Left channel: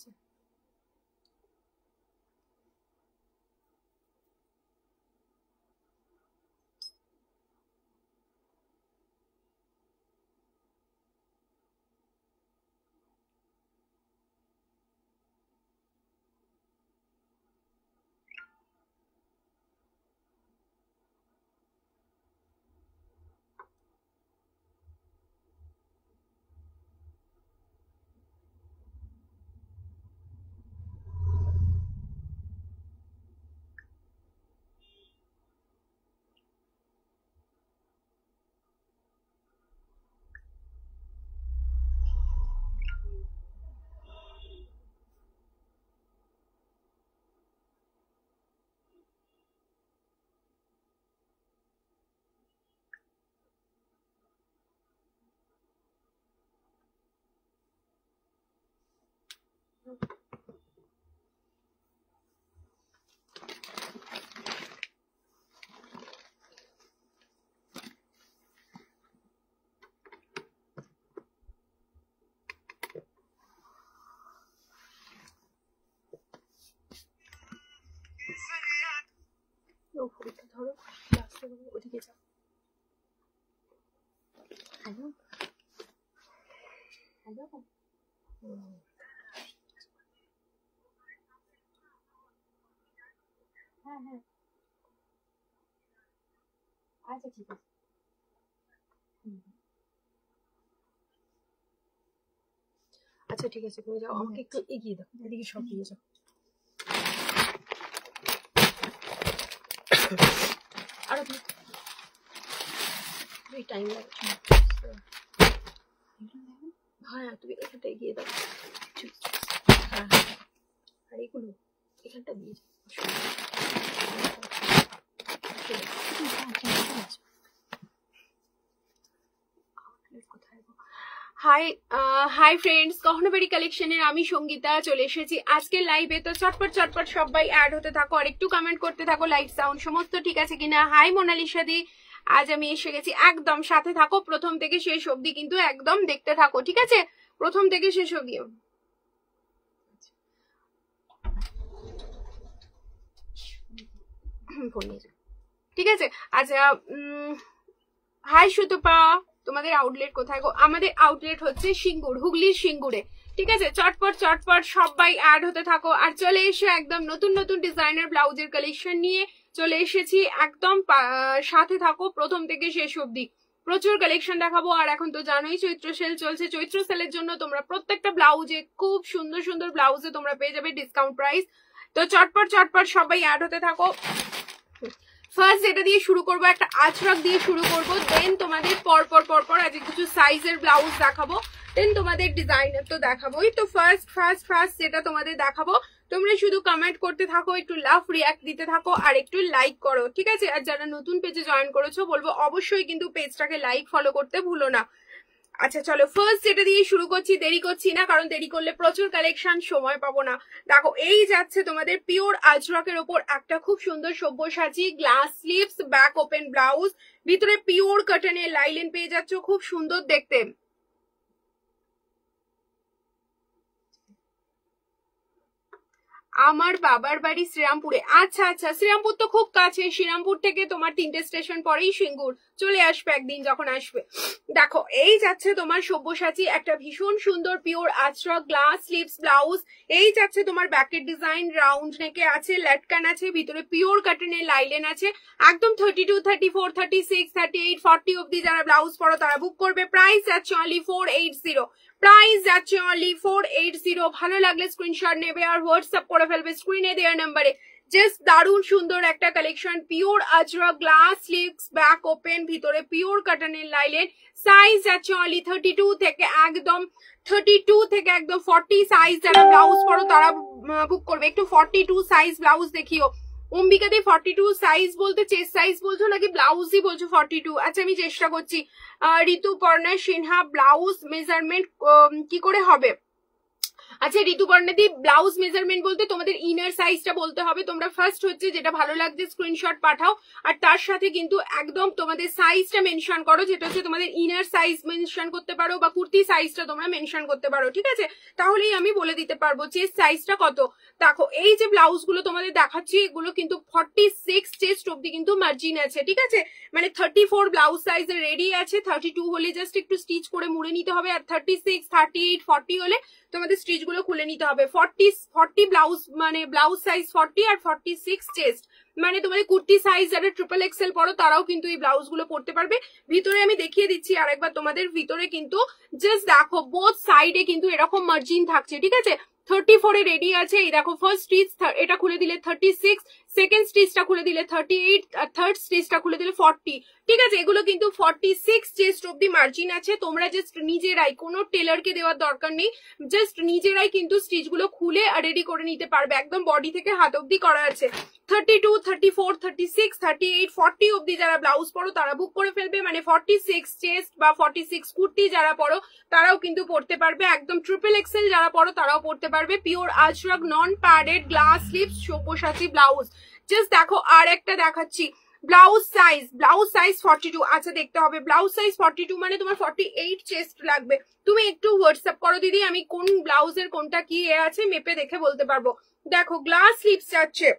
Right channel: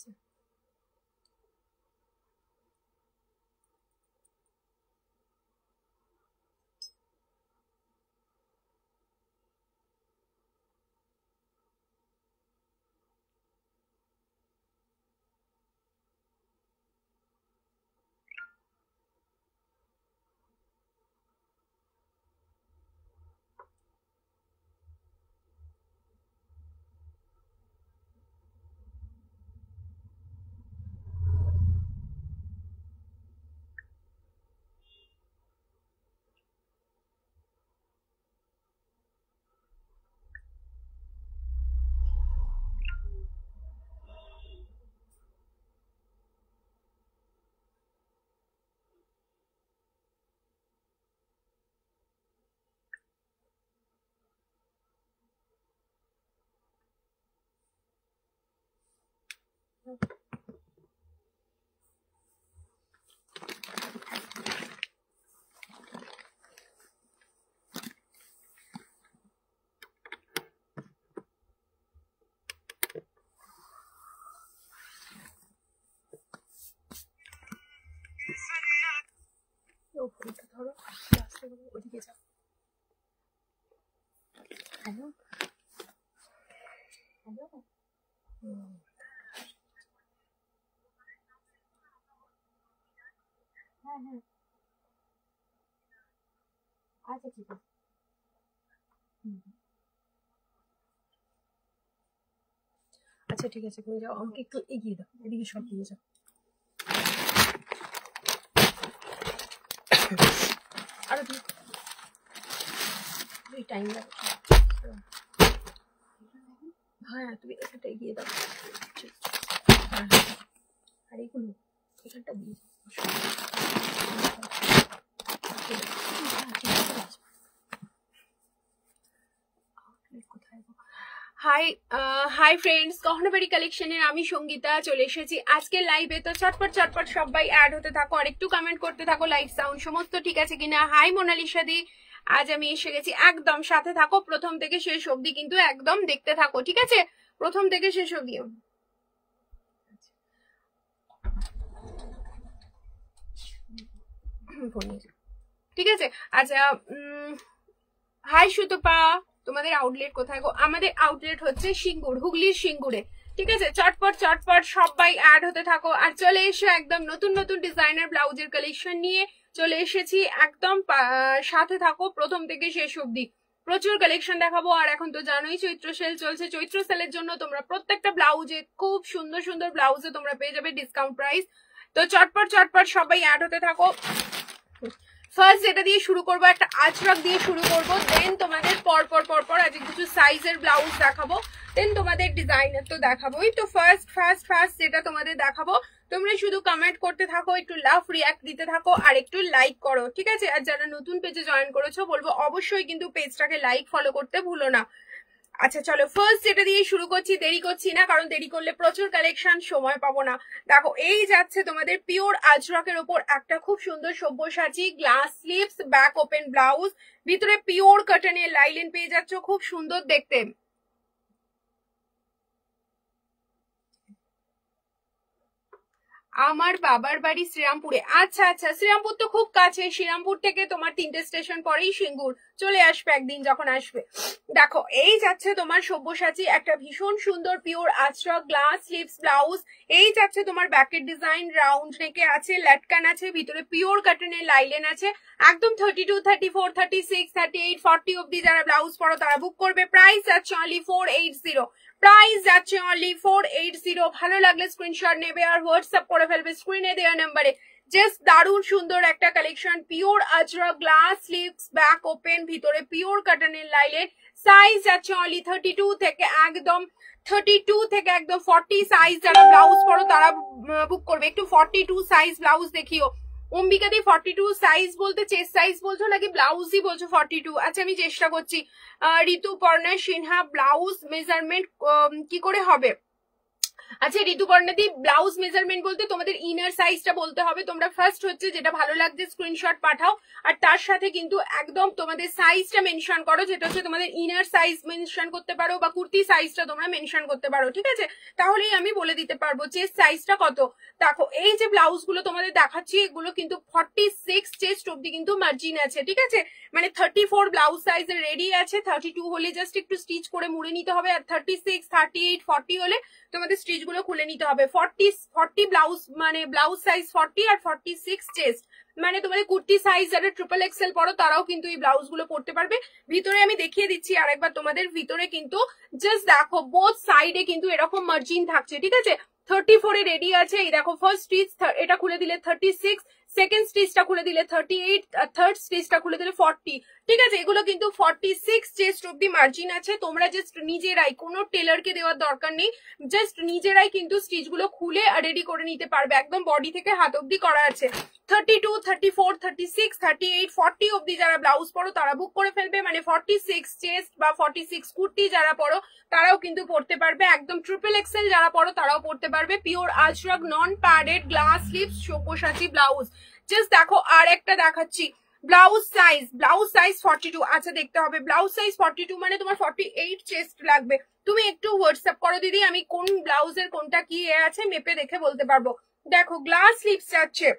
দিয়েছে। ফোনটা ধরো, ওদিকে যাও। হ্যালো হ্যালো, হ্যাঁ হ্যাঁ, আচ্ছা ঠিক আছে। আচ্ছা ঠিক আছে, তুমি যাও, আমাকে একটু এগিয়ে দাও, এদিকে সব দিয়ে যাও। আরো তুমি টাইম লাগবে। হ্যাঁ তুমি এখানটা এগিয়ে দাও। হ্যাঁ আর এগুলো এখানটা দিয়ে যাও। হাই ফ্রেন্ডস, গহনাবাড়ি কালেকশনের আমি সঙ্গীতা চলে এসেছি আজকে লাইভে। তো চটপট চটপট সবাই অ্যাড হতে থাকো আর একটু কমেন্ট করতে থাকো, লাইভ সাউন্ড সমস্ত ঠিক আছে কিনা। হাই মোনালিসা দি, আজ আমি এসে গেছি, একদম সাথে থাকো, প্রথম থেকে শেষ অবধি কিন্তু একদম দেখতে থাকো, ঠিক আছে, প্রথম থেকে শেষ অবধি। ঠিক আছে আচ্ছা, হাই সুতপা, তোমাদের আউটলেট কোথায় গো? আমাদের আউটলেট হচ্ছে সিঙ্গুর, হুগলির সিঙ্গুরে, ঠিক আছে। চটপট চটপট সবাই অ্যাড হতে থাকো আর চলে এসে একদম নতুন নতুন ডিজাইনার ব্লাউজের কালেকশন নিয়ে চলে এসেছি, একদম সাথে থাকো প্রথম থেকে শেষ অবধি, প্রচুর কালেকশন দেখাবো। আর এখন তো জানোই চৈত্র সেল চলছে, চৈত্র সেলের জন্য তোমরা প্রত্যেকটা ব্লাউজে খুব সুন্দর সুন্দর ব্লাউজে তোমরা পেয়ে যাবে ডিসকাউন্ট প্রাইস। তো চটপট চটপট সবাই অ্যাড হতে থাকো। ফার্স্ট যেটা দিয়ে শুরু করবো, একটা আজরাক দিয়ে শুরু করবো, দেন তোমাদের পরপর পরপর আজকে কিছু সাইজের ব্লাউজ দেখাবো, দেন তোমাদের ডিজাইনার তো দেখাবোই। তো ফার্স্ট যেটা তোমাদের দেখাবো, তোমরা শুধু কমেন্ট করতে থাকো, একটু লাভ রিয়াক্ট দিতে থাকো আর একটু লাইক করো, ঠিক আছে। আর যারা নতুন পেজে জয়েন করেছো বলবো অবশ্যই কিন্তু পেজটাকে লাইক ফলো করতে ভুলো না। আচ্ছা চলো ফার্স্ট যেটা দিয়ে শুরু করছি, দেরি করছি না কারণ দেরি করলে প্রচুর কালেকশন সময় পাবো না। দেখো এই যাচ্ছে তোমাদের পিওর আজরাকের ওপর একটা খুব সুন্দর Sabyasachi glass sleeves back open blouse, ভিতরে পিওর কটনের লাইলেন পেয়ে যাচ্ছ, খুব সুন্দর দেখতে। আমার বাবার বাড়ি শ্রীরামপুরে। আচ্ছা আচ্ছা, শ্রীরামপুর তো খুব কাছে, শ্রীরামপুর থেকে তোমার 3টে স্টেশন পরেই সিঙ্গুর, চলে আসবে একদিন যখন আসবে। দেখো এই যাচ্ছে তোমার সব্যসাচী একটা ভীষণ সুন্দর pure Ajrak glass sleeves blouse, এই যাচ্ছে তোমার ব্যাকের ডিজাইন রাউন্ড নেকে আছে, লেটকান আছে, ভিতরে পিওর কটনের লাইলেন আছে, একদম 32, 34, 36, 38, 40 অব্দি যারা ব্লাউজ পরো তারা বুক করবে। প্রাইস আছে অনলি 480, প্রাইস যাচ্ছে অনলি 480। ভালো লাগলে স্ক্রিনশট নেবে আর হোয়াটসঅ্যাপ করে ফেলবে স্ক্রিনে দেওয়া নাম্বারে। জাস্ট দারুণ সুন্দর একটা collection, pure Ajrak glass sleeves back open, ভিতরে পিওর কটনের লাইলেন, সাইজ যাচ্ছে অনলি 32 থেকে একদম 40 সাইজ যারা ব্লাউজ পরো তারা বুক করবে। একটু 42 সাইজ ব্লাউজ দেখিও। অম্বিকা দি 42 সাইজ বলতে চেস্ট সাইজ বলছো নাকি ব্লাউজই বলছো 42? আচ্ছা আমি চেষ্টা করছি। ঋতুপর্ণা সিনহা ব্লাউজ মেজারমেন্ট কি করে হবে? আচ্ছা ঋতুপর্ণাদি, ব্লাউজ মেজারমেন্ট বলতে তোমাদের ইনার সাইজটা বলতে হবে। তোমরা ফার্স্ট হচ্ছে যেটা ভালো লাগছে স্ক্রিনশট পাঠাও, আর তার সাথে কিন্তু একদম তোমাদের সাইজটা মেনশন করো, যেটা হচ্ছে তোমাদের ইনার সাইজ মেনশন করতে পারো বা কুর্তি সাইজটা তোমরা মেনশন করতে পারো, ঠিক আছে? তাহলেই আমি বলে দিতে পারবো চেস্ট সাইজটা কত। দেখো এই যে ব্লাউজ গুলো তোমাদের দেখাচ্ছি, এগুলো কিন্তু 46 চেস্ট অব্দি কিন্তু মার্জিন আছে, ঠিক আছে? মানে 34 ব্লাউজ সাইজের রেডি আছে, 32 হলে জাস্ট একটু স্টিচ করে মুড়ে নিতে হবে, আর 36, 38, 40 হলে তোমাদের স্টিচ গুলো খুলে নিতে হবে। 40 ব্লাউজ মানে ব্লাউজ সাইজ 40 আর 46 চেস্ট, মানে তোমাদের কুর্তি সাইজ যারা ট্রিপল এক্সেল পরো তারাও কিন্তু এই ব্লাউজ গুলো পরতে পারবে। ভিতরে আমি দেখিয়ে দিচ্ছি আরেকবার তোমাদের, ভিতরে কিন্তু জাস্ট দেখো বোথ সাইডে কিন্তু এরকম মার্জিন থাকছে, ঠিক আছে? 34 এ রেডি আছে, এই দেখো ফার্স্ট স্টিচ এটা খুলে দিলে 36, সেকেন্ড স্টিচটা খুলে দিলে 38, আর থার্ড স্টিচটা খুলে দিলে 40, ঠিক আছে? এগুলো কিন্তু 46 চেস্ট অব্দি মার্জিন আছে। তোমরা জাস্ট নিজেরাই, কোনো টেলারকে দেওয়ার দরকার নেই, জাস্ট নিজেরাই কিন্তু স্টিচ গুলো খুলে আর রেডি করে নিতে পারবে। একদম বডি থেকে হাত অব্দি করা আছে। 32, 34, 36, 38, 40 অব্দি যারা ব্লাউজ পরো তারা বুক করে ফেলবে, মানে 46 চেস্ট বা 46 কুর্তি যারা পরো তারাও কিন্তু পড়তে পারবে। একদম ট্রিপল এক্সেল যারা পরো তারাও পড়তে পারবে। পিওর আজরাক নন padded glass sleeves Sabyasachi blouse. Just দেখো আর একটা দেখাচ্ছি, ব্লাউজ সাইজ 42। আচ্ছা দেখতে হবে ব্লাউজ সাইজ 42 মানে তোমার 48 চেস্ট লাগবে। তুমি একটু হোয়াটসঅ্যাপ করো দিদি, আমি কোন ব্লাউজের কোনটা কি আছে মেপে দেখে বলতে পারবো। দেখো গ্লাস স্লিভস যাচ্ছে,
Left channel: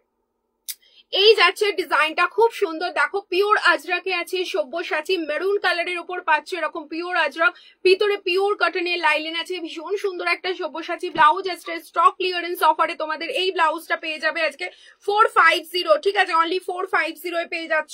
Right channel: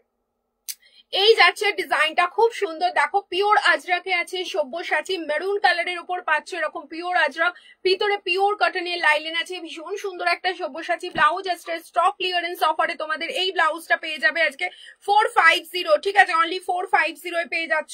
এই যাচ্ছে ডিজাইনটা খুব সুন্দর। দেখো পিওর আজরাকে আছে, সব্যসাচী মেরুন কালারের উপর পাচ্ছ এরকম পিওর আজরাক, ভিতরে পিওর কটনের লাইলেন আছে, ভীষণ সুন্দর একটা সব্যসাচী ব্লাউজ আসছে। স্টক ক্লিয়ারেন্স অফারে তোমাদের এই ব্লাউজটা পেয়ে যাবে আজকে 450, ঠিক আছে? অনলি 450 এ পেয়ে যাচ্ছ।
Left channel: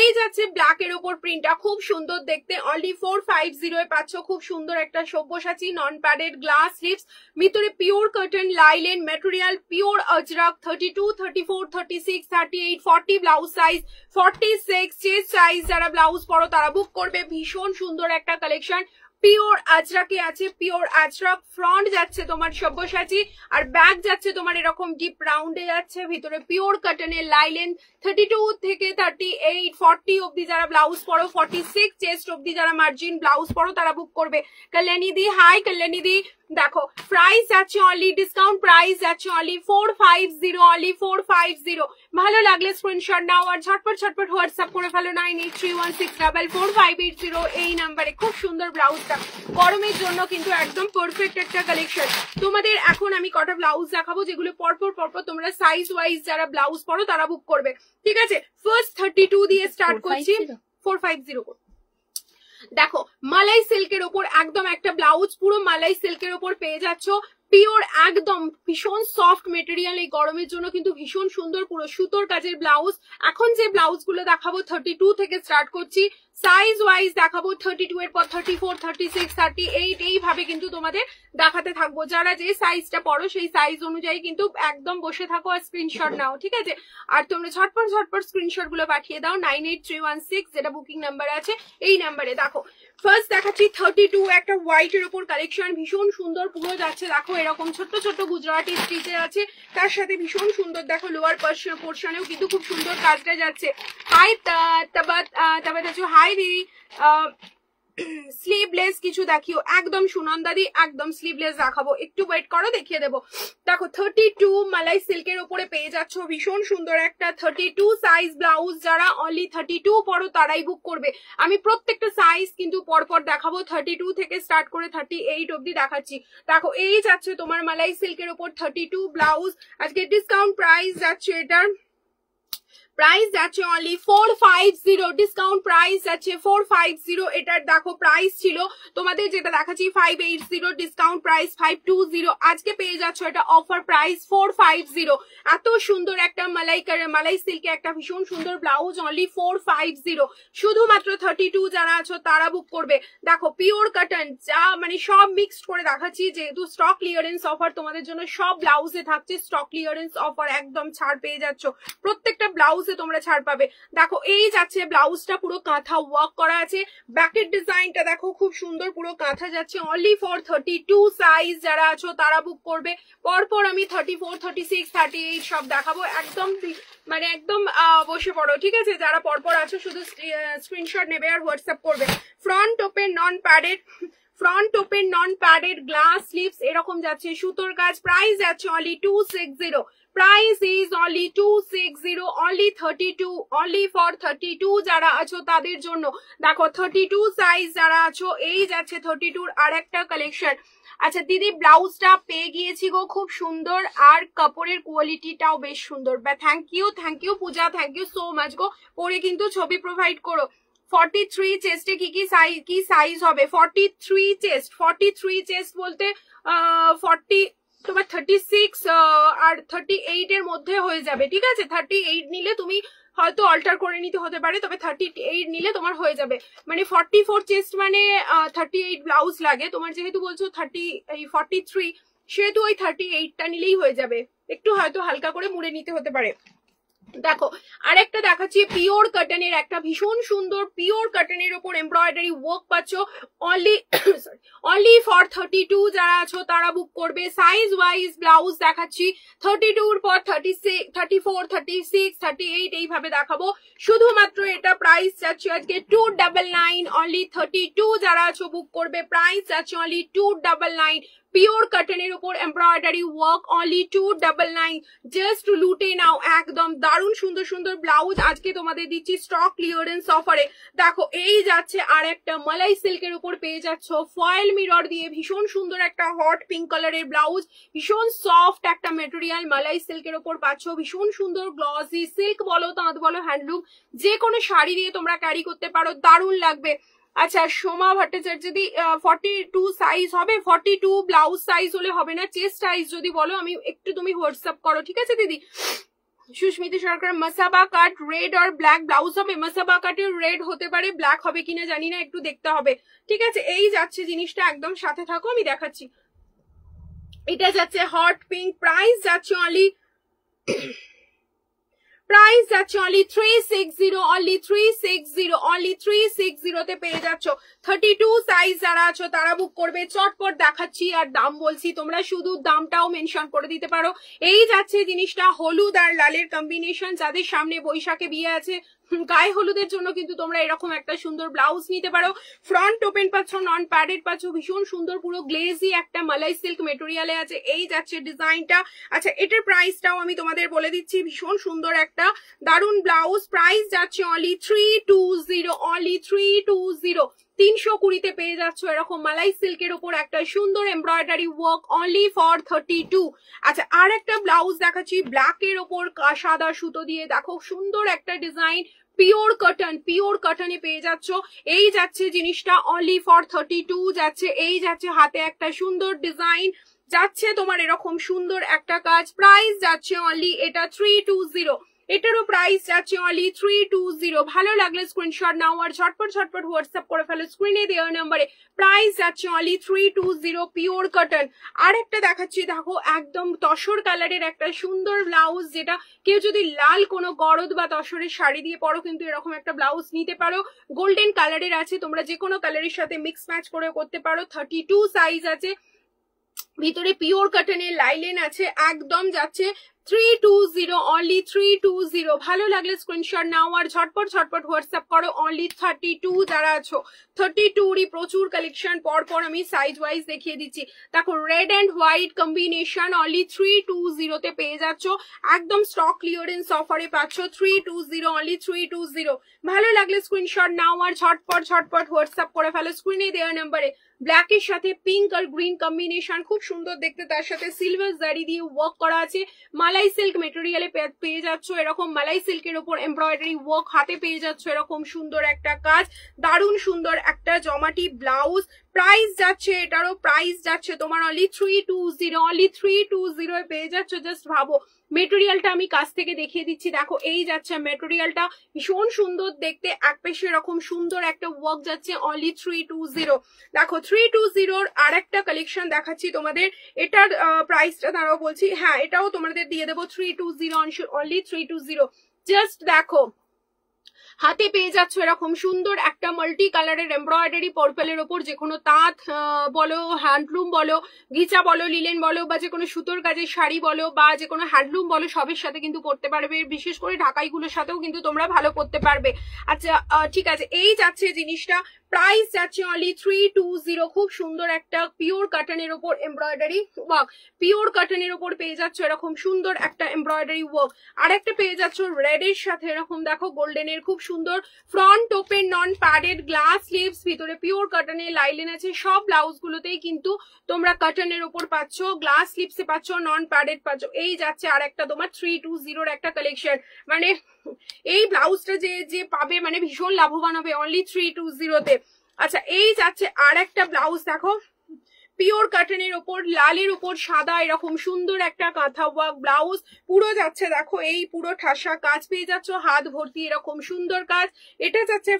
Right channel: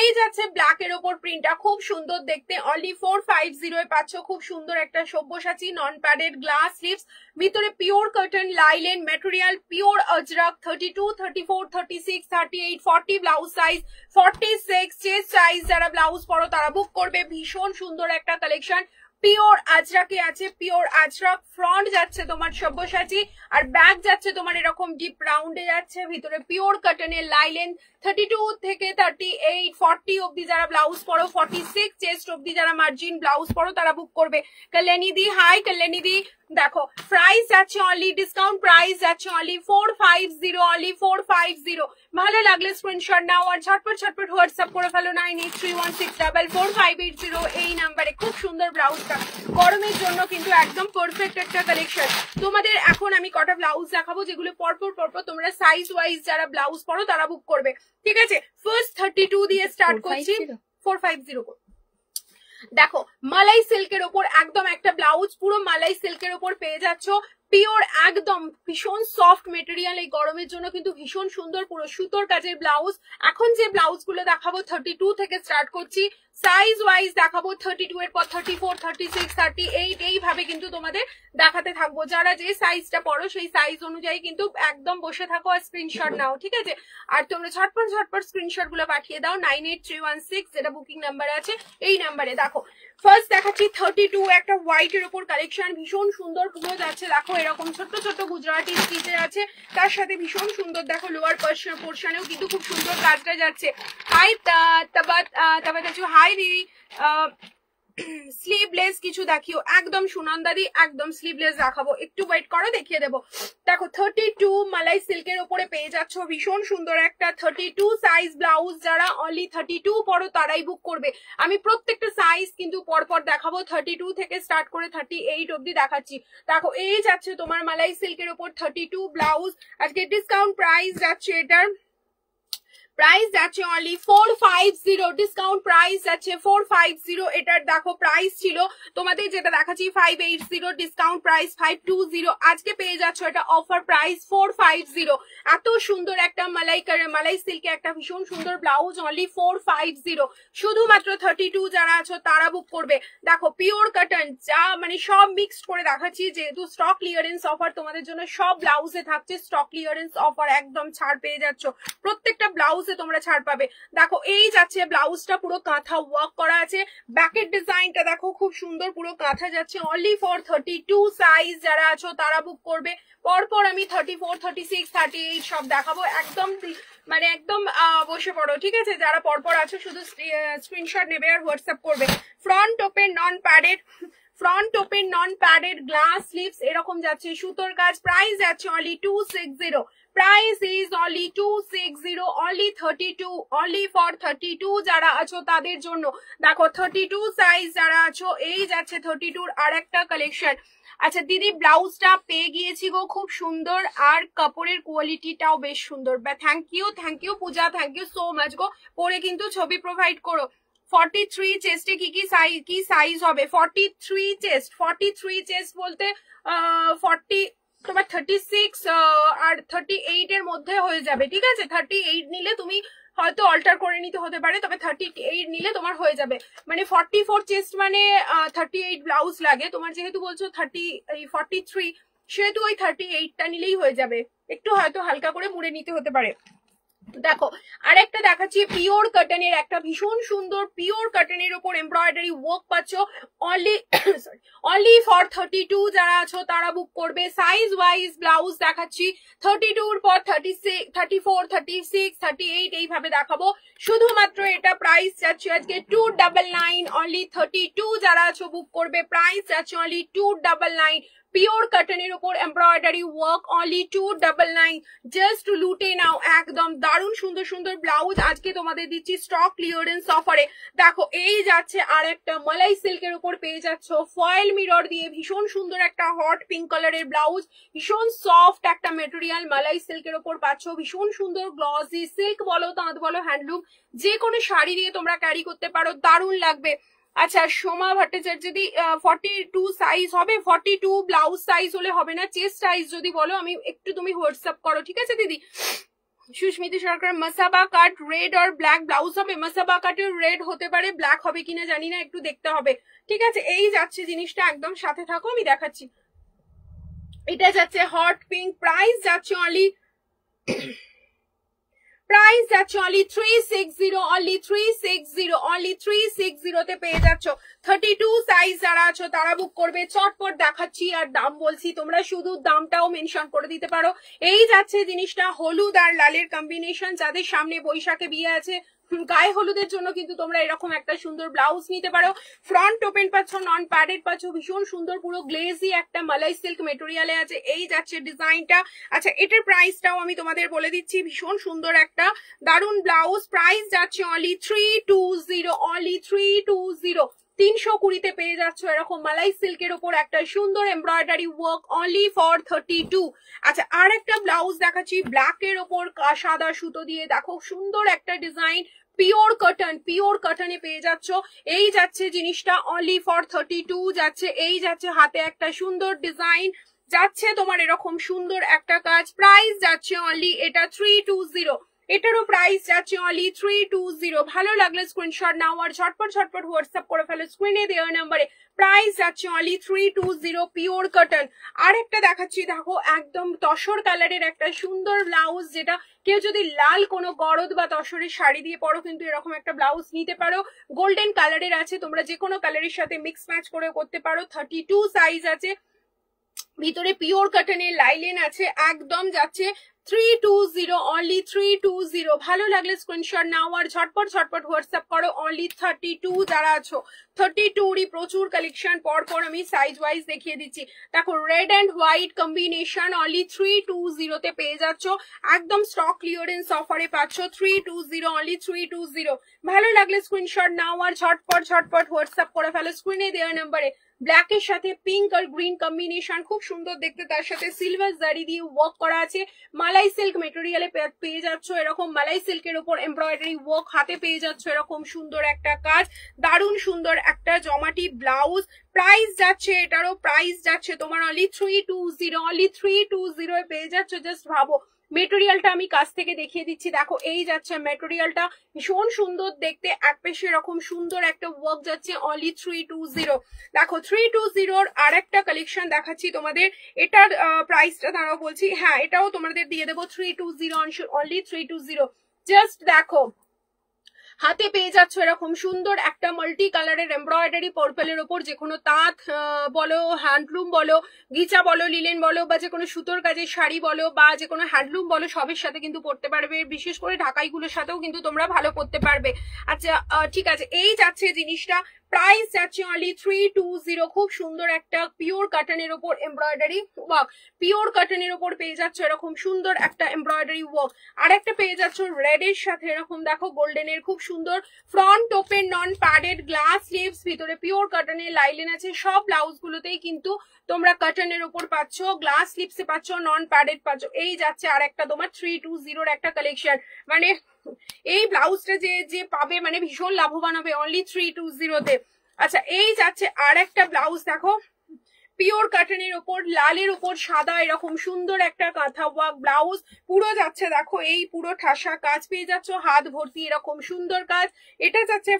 এই যাচ্ছে ব্ল্যাক এর উপর প্রিন্টটা খুব সুন্দর দেখতে, অনলি 450 এ পাচ্ছ। খুব সুন্দর একটা Sabyasachi non padded glass sleeves, ভিতরে pure cotton linen material, pure Ajrakh. 32, 34, 36, 38, 40 blouse size, 46 chest size যারা ব্লাউজ পরো তারা বুক করবে। ভীষণ সুন্দর একটা কালেকশন, পিওর আজরাকে আছে, পিওর আজরাক। ফ্রন্ট যাচ্ছে তোমার সব্যসাচী, আর ব্যাক যাচ্ছে তোমার এরকম ডিপ রাউন্ডে যাচ্ছে, ভিতরে পিওর কটনের লাইলেন। 32 থেকে 38, 40 অব্দি যারা ব্লাউজ পরো, 46 চেস্ট অব্দি যারা মার্জিন ব্লাউজ পরো তারা বুক করবে। কল্যাণী দি, হাই কল্যাণী দি। দেখো প্রাইস যাচ্ছে অনলি, ডিসকাউন্ট প্রাইস যাচ্ছে অনলি 450, অনলি 450। ভালো লাগলে স্ক্রিনশট নাও আর ঝটপট হোয়াটসঅ্যাপ করে ফেলো 9831644580 এই নাম্বারে। খুব সুন্দর ব্লাউজটা, গরমের জন্য কিন্তু একদম পারফেক্ট একটা কালেকশন। তোমাদের এখন আমি কটা ব্লাউজ দেখাবো যেগুলো পরপর তোমরা সাইজ ওয়াইজ যারা ব্লাউজ পরো তারা বুক করবে, ঠিক আছে? ফার্স্ট 32 দিয়ে স্টার্ট করছি, 450। দেখো মালাই সিল্কের ওপর একদম একটা ব্লাউজ, পুরো মালাই সিল্কের ওপর পেয়ে যাচ্ছ, পিওর একদম ভীষণ সফট মেটেরিয়াল। এই গরমের জন্য কিন্তু ভীষণ সুন্দর, পুরো সুতোর কাজের ব্লাউজ। এখন যে ব্লাউজ গুলো দেখাবো 32 থেকে স্টার্ট করছি, সাইজ ওয়াইজ দেখাবো 32 এর পর 34, 36, 38 এইভাবে কিন্তু তোমাদের দেখাতে থাকবো। যারা যে সাইজটা পড়ো সেই সাইজ অনুযায়ী কিন্তু একদম বসে থাকো আর স্ক্রিনশট নাও, ঠিক আছে? আর তোমরা ঝটপট স্ক্রিনশট গুলো পাঠিয়ে দাও 98316 যেটা বুকিং নাম্বার আছে এই নাম্বারে। দেখো ফার্স্ট দেখাচ্ছি 32 একটা হোয়াইট এর উপর কালেকশন, ভীষণ সুন্দর পুরো যাচ্ছে। দেখো এরকম ছোট্ট গুজরাটি স্টিচে আছে, তার সাথে ভীষণ সুন্দর দেখো লোয়ার পোর্শনেও কিন্তু খুব সুন্দর কাজটা যাচ্ছে। হাই তাবাত হাই দিদি, স্লিভলেস কিছু দেখিও, একদম সুনন্দাদি একদম স্লিভলেস দেখাবো, একটু ওয়েট করো দেখিয়ে দেবো। দেখো 32 মালাই সিল্কের উপরে পেয়ে যাচ্ছ, ভীষণ সুন্দর একটা 32 সাইজ ব্লাউজ। যারা অনলি 32 পরো তারাই বুক করবে। আমি প্রত্যেকটা সাইজ কিন্তু পরপর দেখাবো, 32 থেকে স্টার্ট করে 38 অব্দি দেখাচ্ছি। দেখো এই যাচ্ছে তোমার মালাই সিল্কের উপর 32 ব্লাউজ, আজকে ডিসকাউন্ট প্রাইস যাচ্ছে এটার, প্রাইস যাচ্ছে অনলি 450, ডিসকাউন্ট প্রাইস যাচ্ছে 450। এটার দেখো প্রাইস ছিল তোমাদের যেটা দেখাচ্ছি 580, ডিসকাউন্ট প্রাইস 520। আজকে পেয়ে যাচ্ছ এটা অফার প্রাইস 450। এত সুন্দর একটা মালাই সিল্কে একটা ভীষণ সুন্দর ব্লাউজ, অনলি 450। শুধুমাত্র 32 যারা আছো তারা বুক করবে। দেখো পিওর কটন, যা মানে সব মিক্সড করে দেখাচ্ছি, যেহেতু স্টক ক্লিয়ারেন্স অফার তোমাদের জন্য সব ব্লাউজে থাকছে স্টক ক্লিয়ারেন্স অফার, একদম ছাড় পেয়ে যাচ্ছ, প্রত্যেকটা ব্লাউজ তোমরা ছাড় পাবে। দেখো এই যাচ্ছে ব্লাউজটা পুরো কাঁথা ওয়ার্ক করা আছে, ব্যাকের ডিজাইনটা দেখো খুব সুন্দর পুরো কাঁথা যাচ্ছে, অনলি ফর 32 সাইজ যারা আছো তারা বুক করবে। পরপর আমি 34, 36, 38 সব দেখাবো, একদম মানে একদম বসে পড়ো, ঠিক আছে? যারা পরপর আছো শুধু স্ক্রিনশট নেবে আর হোয়াটসঅ্যাপ করবে। Front open non padded, front open non padded glass sleeves এরকম যাচ্ছে, সুতোর কাজ, প্রাইস যাচ্ছে only 260, price is only 260, only 32, only for 32 যারা আছো তাদের জন্য। দেখো 32 সাইজ যারা আছো, এই যাচ্ছে 32 আর একটা কালেকশন। আচ্ছা দিদি ব্লাউজটা পেয়ে গিয়েছি গো, খুব সুন্দর, আর কাপড়ের কোয়ালিটিটাও বেশ সুন্দর। Thank you Puja, thank you so much গো। পরে কিন্তু ছবি প্রোভাইড করো। 43 চেস্টে কি সাইজ হবে? 43 চেস্ট বলতে 40 তোমার 36 আর 38 এর মধ্যে হয়ে যাবে, ঠিক আছে? 38 নিলে তুমি হয়তো অল্টার করে নিতে হতে পারে, তবে 38 নিলে তোমার হয়ে যাবে। মানে 44 চেস্ট মানে 38 ব্লাউজ লাগে তোমার, যেহেতু বলছো 43 সেহেতু ওই 38টা নিলেই হয়ে যাবে, একটু হয়তো হালকা করে মুড়ে নিতে হতে পারে। দেখো আরেকটা দেখাচ্ছি, পিওর কটনের একটা ভীষণ সুন্দর পিওর কটনের উপর এমব্রয়ডারি ওয়ার্ক পাচ্ছ, অনলি ফর 32 যারা আছো তারা বুক করবে। সাইজ ওয়াইজ ব্লাউজ দেখাচ্ছি, 32 এর পর 36, 34, 36, 38 এইভাবে দেখাবো। শুধুমাত্র এটা প্রাইস যাচ্ছে আজকে 299, অনলি 32 যারা আছো বুক করবে, প্রাইস যাচ্ছে অনলি 299। পিওর কটনের উপর এমব্রয়ডারি ওয়ার্ক, অনলি 299, জাস্ট লুটে নাও। একদম দারুণ সুন্দর সুন্দর ব্লাউজ আজকে তোমাদের দিচ্ছি স্টক ক্লিয়ারেন্স অফারে। দেখো এই যাচ্ছে আর একটা মালাই সিল্কের উপর পেয়ে যাচ্ছ ফয়েল মিরর দিয়ে ভীষণ সুন্দর একটা হট পিঙ্ক কালারের ব্লাউজ, ভীষণ সফট একটা মেটেরিয়াল মালাই সিল্কের উপর পাচ্ছ, ভীষণ সুন্দর গ্লসি, সিল্ক বলো তাঁত বলো হ্যান্ডলুম, যে কোনো শাড়ি দিয়ে তোমরা ক্যারি করতে পারো, দারুণ লাগবে। আচ্ছা সোমা ভট্টাচার্য দিদি 42 সাইজ হবে? 42 ব্লাউজ সাইজ হলে হবে না, চেস্ট সাইজ যদি বলো আমি একটু, তুমি হোয়াটসঅ্যাপ করো, ঠিক আছে দিদি? সুস্মিতা সরকার মাসাবা কাট রেড আর ব্ল্যাক ব্লাউজ হবে? মাসাবা কাটের রেড হতে পারে, ব্ল্যাক হবে কিনা জানি না, একটু দেখতে হবে, ঠিক আছে? এই যাচ্ছে জিনিসটা, একদম সাথে থাকো আমি দেখাচ্ছি। এটা যাচ্ছে হট পিঙ্ক, প্রাইস যাচ্ছে অনলি প্রাইস যাচ্ছে অনলি 360, অনলি 360, অনলি 360 তে পেয়ে যাচ্ছ। 32 সাইজ যারা আছো তারা বুক করবে, চটপট দেখাচ্ছি আর দাম বলছি, তোমরা শুধু দামটাও মেনশন করে দিতে পারো। এই যাচ্ছে জিনিসটা হলুদ আর লালের কম্বিনেশন, যাদের সামনে বৈশাখে বিয়ে আছে গায়ে হলুদের জন্য কিন্তু তোমরা এরকম একটা সুন্দর ব্লাউজ নিতে পারো। ফ্রন্ট ওপেন পাচ্ছ, নন প্যাডেড পাচ্ছ, ভীষণ সুন্দর পুরো গ্লেজি একটা মালাই সিল্ক মেটেরিয়ালে আছে, এই যাচ্ছে ডিজাইনটা। আচ্ছা এটার প্রাইসটাও আমি তোমাদের বলে দিচ্ছি, ভীষণ সুন্দর একটা দারুন ব্লাউজ, প্রাইস যাচ্ছে অনলি 320, অনলি 320, 320 পেয়ে যাচ্ছ এরকম মালাই সিল্কের উপর একটা সুন্দর এমব্রয়ডারি ওয়ার্ক, অনলি ফর 32। আচ্ছা আর একটা ব্লাউজ দেখাচ্ছি ব্ল্যাক এর ওপর সাদা সুতো দিয়ে, দেখো সুন্দর একটা ডিজাইন, পিওর কটনে পেয়ে যাচ্ছ। এই যাচ্ছে জিনিসটা অনলি ফর 32 যাচ্ছে। এই যাচ্ছে হাতে একটা সুন্দর ডিজাইন, যাচ্ছে তোমার এরকম সুন্দর একটা কাজ, প্রাইস যাচ্ছে অনলি এটা 320, এটারও প্রাইস যাচ্ছে অনলি 320। ভালো লাগলে স্ক্রিনশট নাও আর ঝটপট হোয়াটসঅ্যাপ করে ফেলো স্ক্রিনে দেওয়া নাম্বারে, প্রাইস যাচ্ছে অনলি 320, পিওর কটন। আর একটা দেখাচ্ছি, দেখো একদম তসর কালারের একটা সুন্দর ব্লাউজ, যেটা কেউ যদি লাল কোনো গরদ বা তসরের শাড়ি দিয়ে পরো কিন্তু এরকম একটা ব্লাউজ নিতে পারো, গোল্ডেন কালারের আছে, তোমরা যে কোনো কালারের সাথে মিক্স ম্যাচ করে করতে পারো। 32 সাইজ আছে, ভিতরে পিওর কটনের লাইলেন আছে, একদম যাচ্ছে 320, অনলি 320। ভালো লাগলে স্ক্রিনশট নাও আর ঝটপট হোয়াটসঅ্যাপ করো। অনলি 32 যারা আছো, 32রই প্রচুর কালেকশন, পরপর আমি সাইজ ওয়াইজ দেখিয়ে দিচ্ছি। দেখো red and white combination, only 320 তে পেয়ে যাচ্ছ, একদম স্টক ক্লিয়ারেন্স অফারে পাচ্ছ 320, অনলি 320। ভালো লাগলে স্ক্রিনশট নাও আর ঝটপট হোয়াটসঅ্যাপ করে ফেলো স্ক্রিনে দেওয়া নাম্বারে। ব্ল্যাক এর সাথে পিঙ্ক আর গ্রিন কম্বিনেশন, খুব সুন্দর দেখতে, তার সাথে সিলভার জারি দিয়ে ওয়ার্ক করা আছে, মালাই সিল্ক মেটেরিয়ালে পেয়ে যাচ্ছ এরকম মালাই সিল্কের উপর এমব্রয়ডারি ওয়ার্ক, হাতে পেয়ে যাচ্ছ এরকম সুন্দর একটা কাজ, দারুণ সুন্দর একটা জমাটি ব্লাউজ। প্রাইস যাচ্ছে এটারও প্রাইস যাচ্ছে তোমার অনলি 320, অনলি 320 পেয়ে যাচ্ছ। জাস্ট ভাবো মেটেরিয়ালটা আমি কাছ থেকে দেখিয়ে দিচ্ছি, দেখো এই যাচ্ছে মেটেরিয়ালটা, ভীষণ সুন্দর দেখতে, এক পেশে এরকম সুন্দর একটা ওয়ার্ক যাচ্ছে, অনলি 320। দেখো 320 আর একটা কালেকশন দেখাচ্ছি তোমাদের, এটার প্রাইসটা দাঁড়াও বলছি, হ্যাঁ এটাও তোমাদের দিয়ে দেবো 320, অনলি 320। জাস্ট দেখো হাতে পেয়ে যাচ্ছ এরকম সুন্দর একটা মাল্টি কালারের এমব্রয়ডারি পার্পলের ওপর, যে কোনো তাঁত বলো, হ্যান্ডলুম বলো, গিচা বলো, লিলেন বলো, বা যে কোনো সুতোর কাজের শাড়ি বলো, বা যে কোনো হ্যান্ডলুম বলো, সবের সাথে কিন্তু পরতে পারবে। বিশেষ করে ঢাকাইগুলোর সাথেও কিন্তু তোমরা ভালো পরতে পারবে। আচ্ছা ঠিক আছে, এই যাচ্ছে জিনিসটা, প্রাইস যাচ্ছে অনলি 320। খুব সুন্দর একটা পিওর কটনের ওপর এমব্রয়ডারি ওয়ার্ক, পিওর কটনের ওপর পেয়ে যাচ্ছ এরকম সুন্দর একটা এমব্রয়ডারি ওয়ার্ক। আর একটা পেয়ে যাচ্ছ রেড এর সাথে এরকম দেখো গোল্ডেনের খুব সুন্দর front open non padded glass sleeves, ভিতরে পিওর কটনের লাইলেন আছে। সব ব্লাউজ গুলোতেই কিন্তু তোমরা কটনের ওপর পাচ্ছ, গ্লাস স্লিভসে পাচ্ছ, নন প্যাডেড পাচ্ছ। এই যাচ্ছে আর একটা তোমার 320 একটা কালেকশন। মানে এই ব্লাউজটা যে পাবে মানে ভীষণ লাভবান হবে অনলি 320 তে। আচ্ছা এই যাচ্ছে আর একটা ব্লাউজ, দেখো পিওর কটনের ওপর লালের ওপর সাদা এরকম সুন্দর একটা কাঁথা ওয়ার্ক ব্লাউজ, পুরো যাচ্ছে দেখো এই পুরো ঠাসা কাজ পেয়ে যাচ্ছ, হাত ভর্তি এরকম সুন্দর কাজ। এটা যাচ্ছে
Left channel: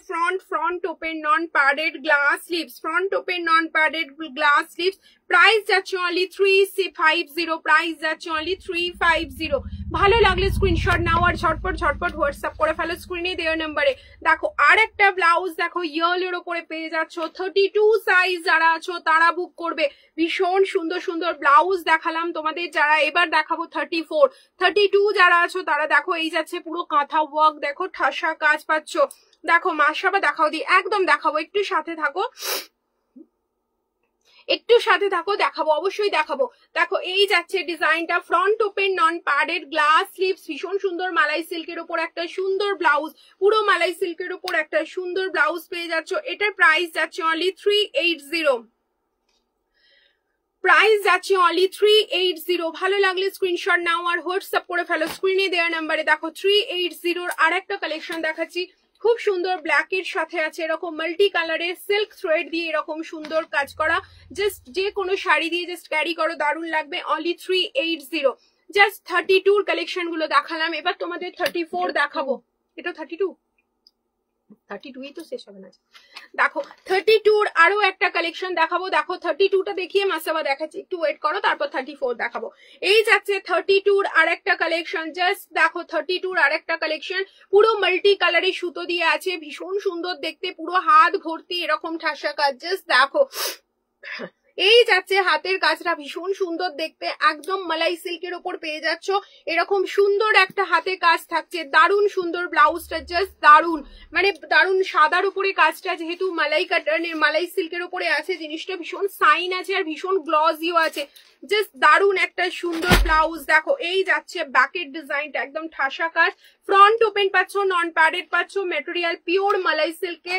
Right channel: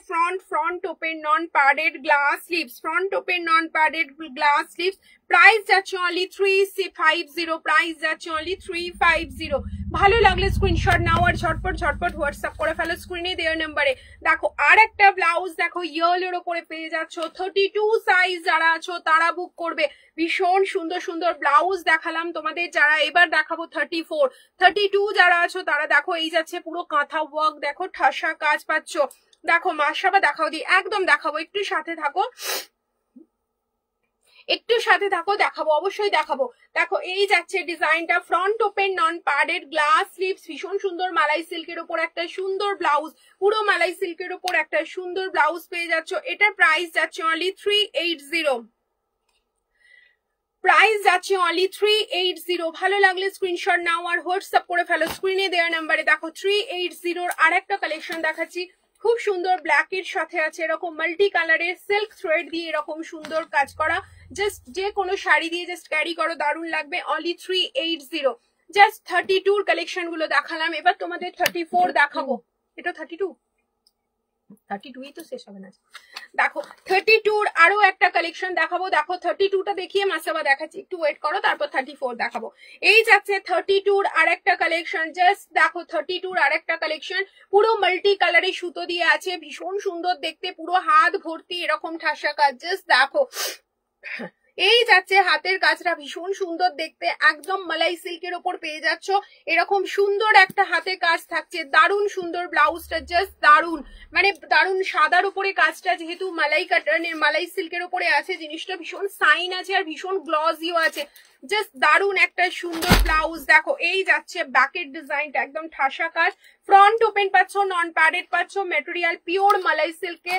front open non padded glass sleeves, front open non padded glass sleeves. Price যাচ্ছে অনলি 350, প্রাইস যাচ্ছে অনলি 350। ভালো লাগলে স্ক্রিনশট নাও আর ঝটপট হোয়াটসঅ্যাপ করে ফেলো স্ক্রিনে দেওয়া নাম্বারে। দেখো আর একটা ব্লাউজ দেখো ইয়েলোর ওপরে পেয়ে যাচ্ছ, 32 সাইজ যারা আছো তারা বুক করবে। ভীষণ সুন্দর সুন্দর ব্লাউজ দেখালাম তোমাদের, যারা এবার দেখাবো 34, 32 যারা আছো তারা দেখো এই যাচ্ছে পুরো কাঁথা ওয়ার্ক, দেখো ঠাসা কাজ পাচ্ছ। দেখো মাসাবা দেখাও দি, একদম দেখাবো, একটু সাথে থাকো, একটু সাথে থাকো, দেখাবো অবশ্যই দেখাবো। দেখো এই যাচ্ছে ডিজাইনটা, front open non padded glass sleeves, ভীষণ সুন্দর মালাই সিল্কের উপর একটা সুন্দর ব্লাউজ, পুরো মালাই সিল্কের উপর একটা সুন্দর ব্লাউজ পেয়ে যাচ্ছ। এটার প্রাইস যাচ্ছে অনলি 380, প্রাইস যাচ্ছে অনলি 380। ভালো লাগলে স্ক্রিনশট নাও আর হোয়াটসঅ্যাপ করে ফেলো স্ক্রিনে দেওয়া নাম্বারে। দেখো 380 আর একটা কালেকশন দেখাচ্ছি, খুব সুন্দর ব্ল্যাক এর সাথে আছে এরকম মাল্টি কালারের সিল্ক থ্রেড দিয়ে এরকম সুন্দর কাজ করা, জাস্ট যে কোনো শাড়ি দিয়ে জাস্ট ক্যারি করো, দারুণ লাগবে। অনলি 380। জাস্ট 32 কালেকশন গুলো দেখালাম, এবার তোমাদের 34 দেখাবো। এটা 32ই তো শেষ হবে না। দেখো 32 আরো একটা কালেকশন দেখাবো। দেখো 32টা দেখিয়ে মাসাবা দেখাচ্ছি, একটু ওয়েট করো, তারপর 34 দেখাবো। এই যাচ্ছে 32 আর একটা কালেকশন, জাস্ট দেখো 32 আর একটা কালেকশন, পুরো মাল্টি কালারের সুতো দিয়ে আছে, ভীষণ সুন্দর দেখতে, পুরো হাত ভর্তি এরকম ঠাসা কাজ। জাস্ট দেখো এই যাচ্ছে হাতের কাজটা ভীষণ সুন্দর দেখতে, একদম মালাই সিল্কের ওপর পেয়ে যাচ্ছ এরকম সুন্দর একটা হাতে কাজ থাকছে, দারুণ সুন্দর ব্লাউজটা, জাস্ট দারুণ, মানে দারুণ সাদার উপরে কাজটা, যেহেতু মালাই কাটানের মালাই সিল্কের উপরে আছে, জিনিসটা ভীষণ সাইন আছে আর ভীষণ গ্লসিও আছে, জাস্ট দারুণ একটা সুন্দর ব্লাউজ। দেখো এই যাচ্ছে ব্যাকের ডিজাইনটা, একদম ঠাসা কাজ, ফ্রন্ট ওপেন পাচ্ছ, নন প্যাডেড পাচ্ছ, মেটেরিয়াল পিওর মালাই সিল্কে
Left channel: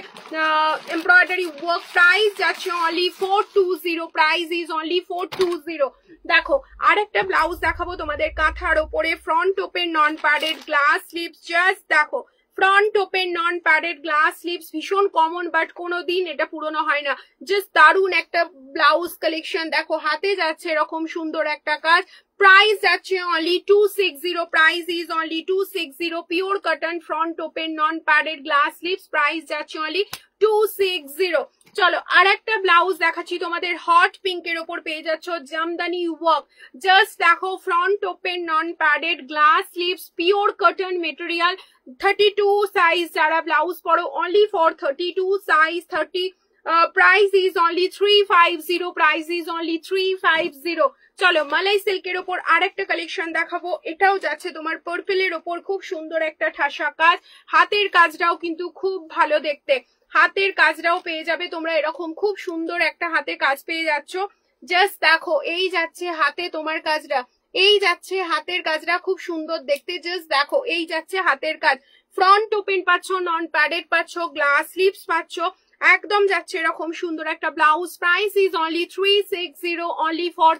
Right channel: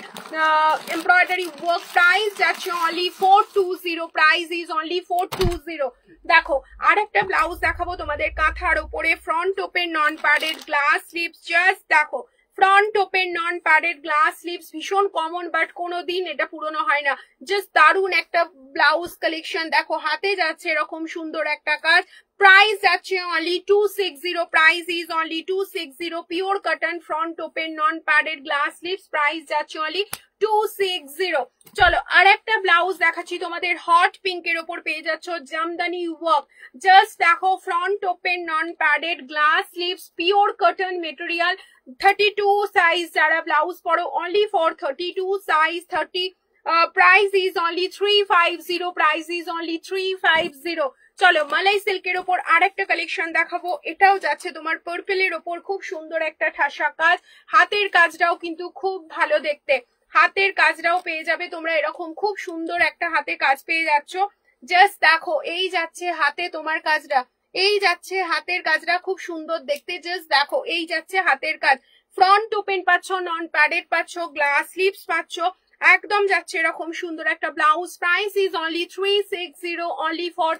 এমব্রয়ডারি ওয়ার্ক। প্রাইস যাচ্ছে অনলি 420, প্রাইস ইজ অনলি 420। দেখো আর একটা ব্লাউজ দেখাবো তোমাদের কাঁথার ওপরে, front open non padded glass sleeves, just দেখো front open non padded glass sleeves, ভীষণ কমন বাট কোনোদিন এটা পুরনো হয় না, জাস্ট দারুণ একটা ব্লাউজ কালেকশন। দেখো হাতে যাচ্ছে এরকম সুন্দর একটা কাজ, প্রাইস যাচ্ছে only 260, price is only 260, pure cotton front open non padded glass sleeves, price যাচ্ছে অনলি 260। চলো আর একটা ব্লাউজ দেখাচ্ছি তোমাদের, হট পিঙ্কের ওপর পেয়ে যাচ্ছ জামদানি ওয়ার্ক, জাস্ট দেখো front open non padded glass sleeves, pure cotton material, 32 size যারা ব্লাউজ পরো, only for 32 size 30, price is only 350, price is only 350। চলো মালাই সিল্কের ওপর আর একটা কালেকশন দেখাবো, এটাও যাচ্ছে তোমার পার্পলের ওপর, খুব সুন্দর একটা ঠাসা কাজ, হাতের কাজটাও কিন্তু খুব ভালো দেখতে, হাতের কাজটাও পেয়ে যাবে তোমরা এরকম, খুব সুন্দর একটা হাতে কাজ পেয়ে যাচ্ছ। জাস্ট দেখো এই যাচ্ছে হাতে তোমার কাজটা, এই যাচ্ছে হাতের কাজটা খুব সুন্দর দেখতে, জাস্ট দেখো এই যাচ্ছে হাতের কাজ, ফ্রন্ট ওপেন পাচ্ছ, নন প্যাডেড পাচ্ছ, গ্লাস স্লিভস পাচ্ছ, একদম যাচ্ছে এরকম সুন্দর একটা blouse. Price is only 360, only for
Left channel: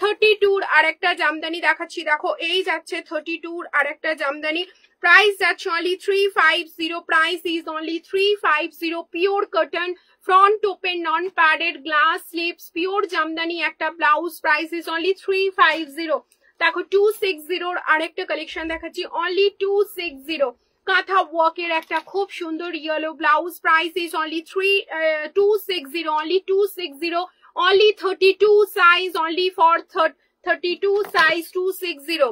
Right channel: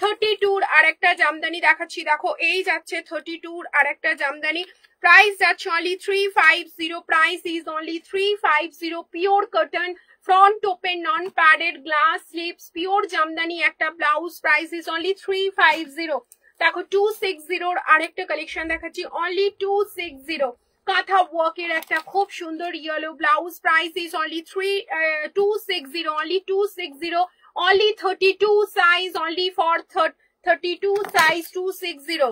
32 আর একটা জামদানি দেখাচ্ছি। দেখো এই যাচ্ছে 32 আর একটা জামদানি, প্রাইস যাচ্ছে only 350, price is only 350, pure cotton front open non padded glass sleeves, pure Jamdani একটা ব্লাউজ, প্রাইস ইজ অনলি 350। দেখো 260 আরেকটা কালেকশন দেখাচ্ছি, অনলি 260, কাঁথা ওয়ার্কের একটা খুব সুন্দর yellow blouse, price is only 260, only 260, only 32 size, only for 32 size 260।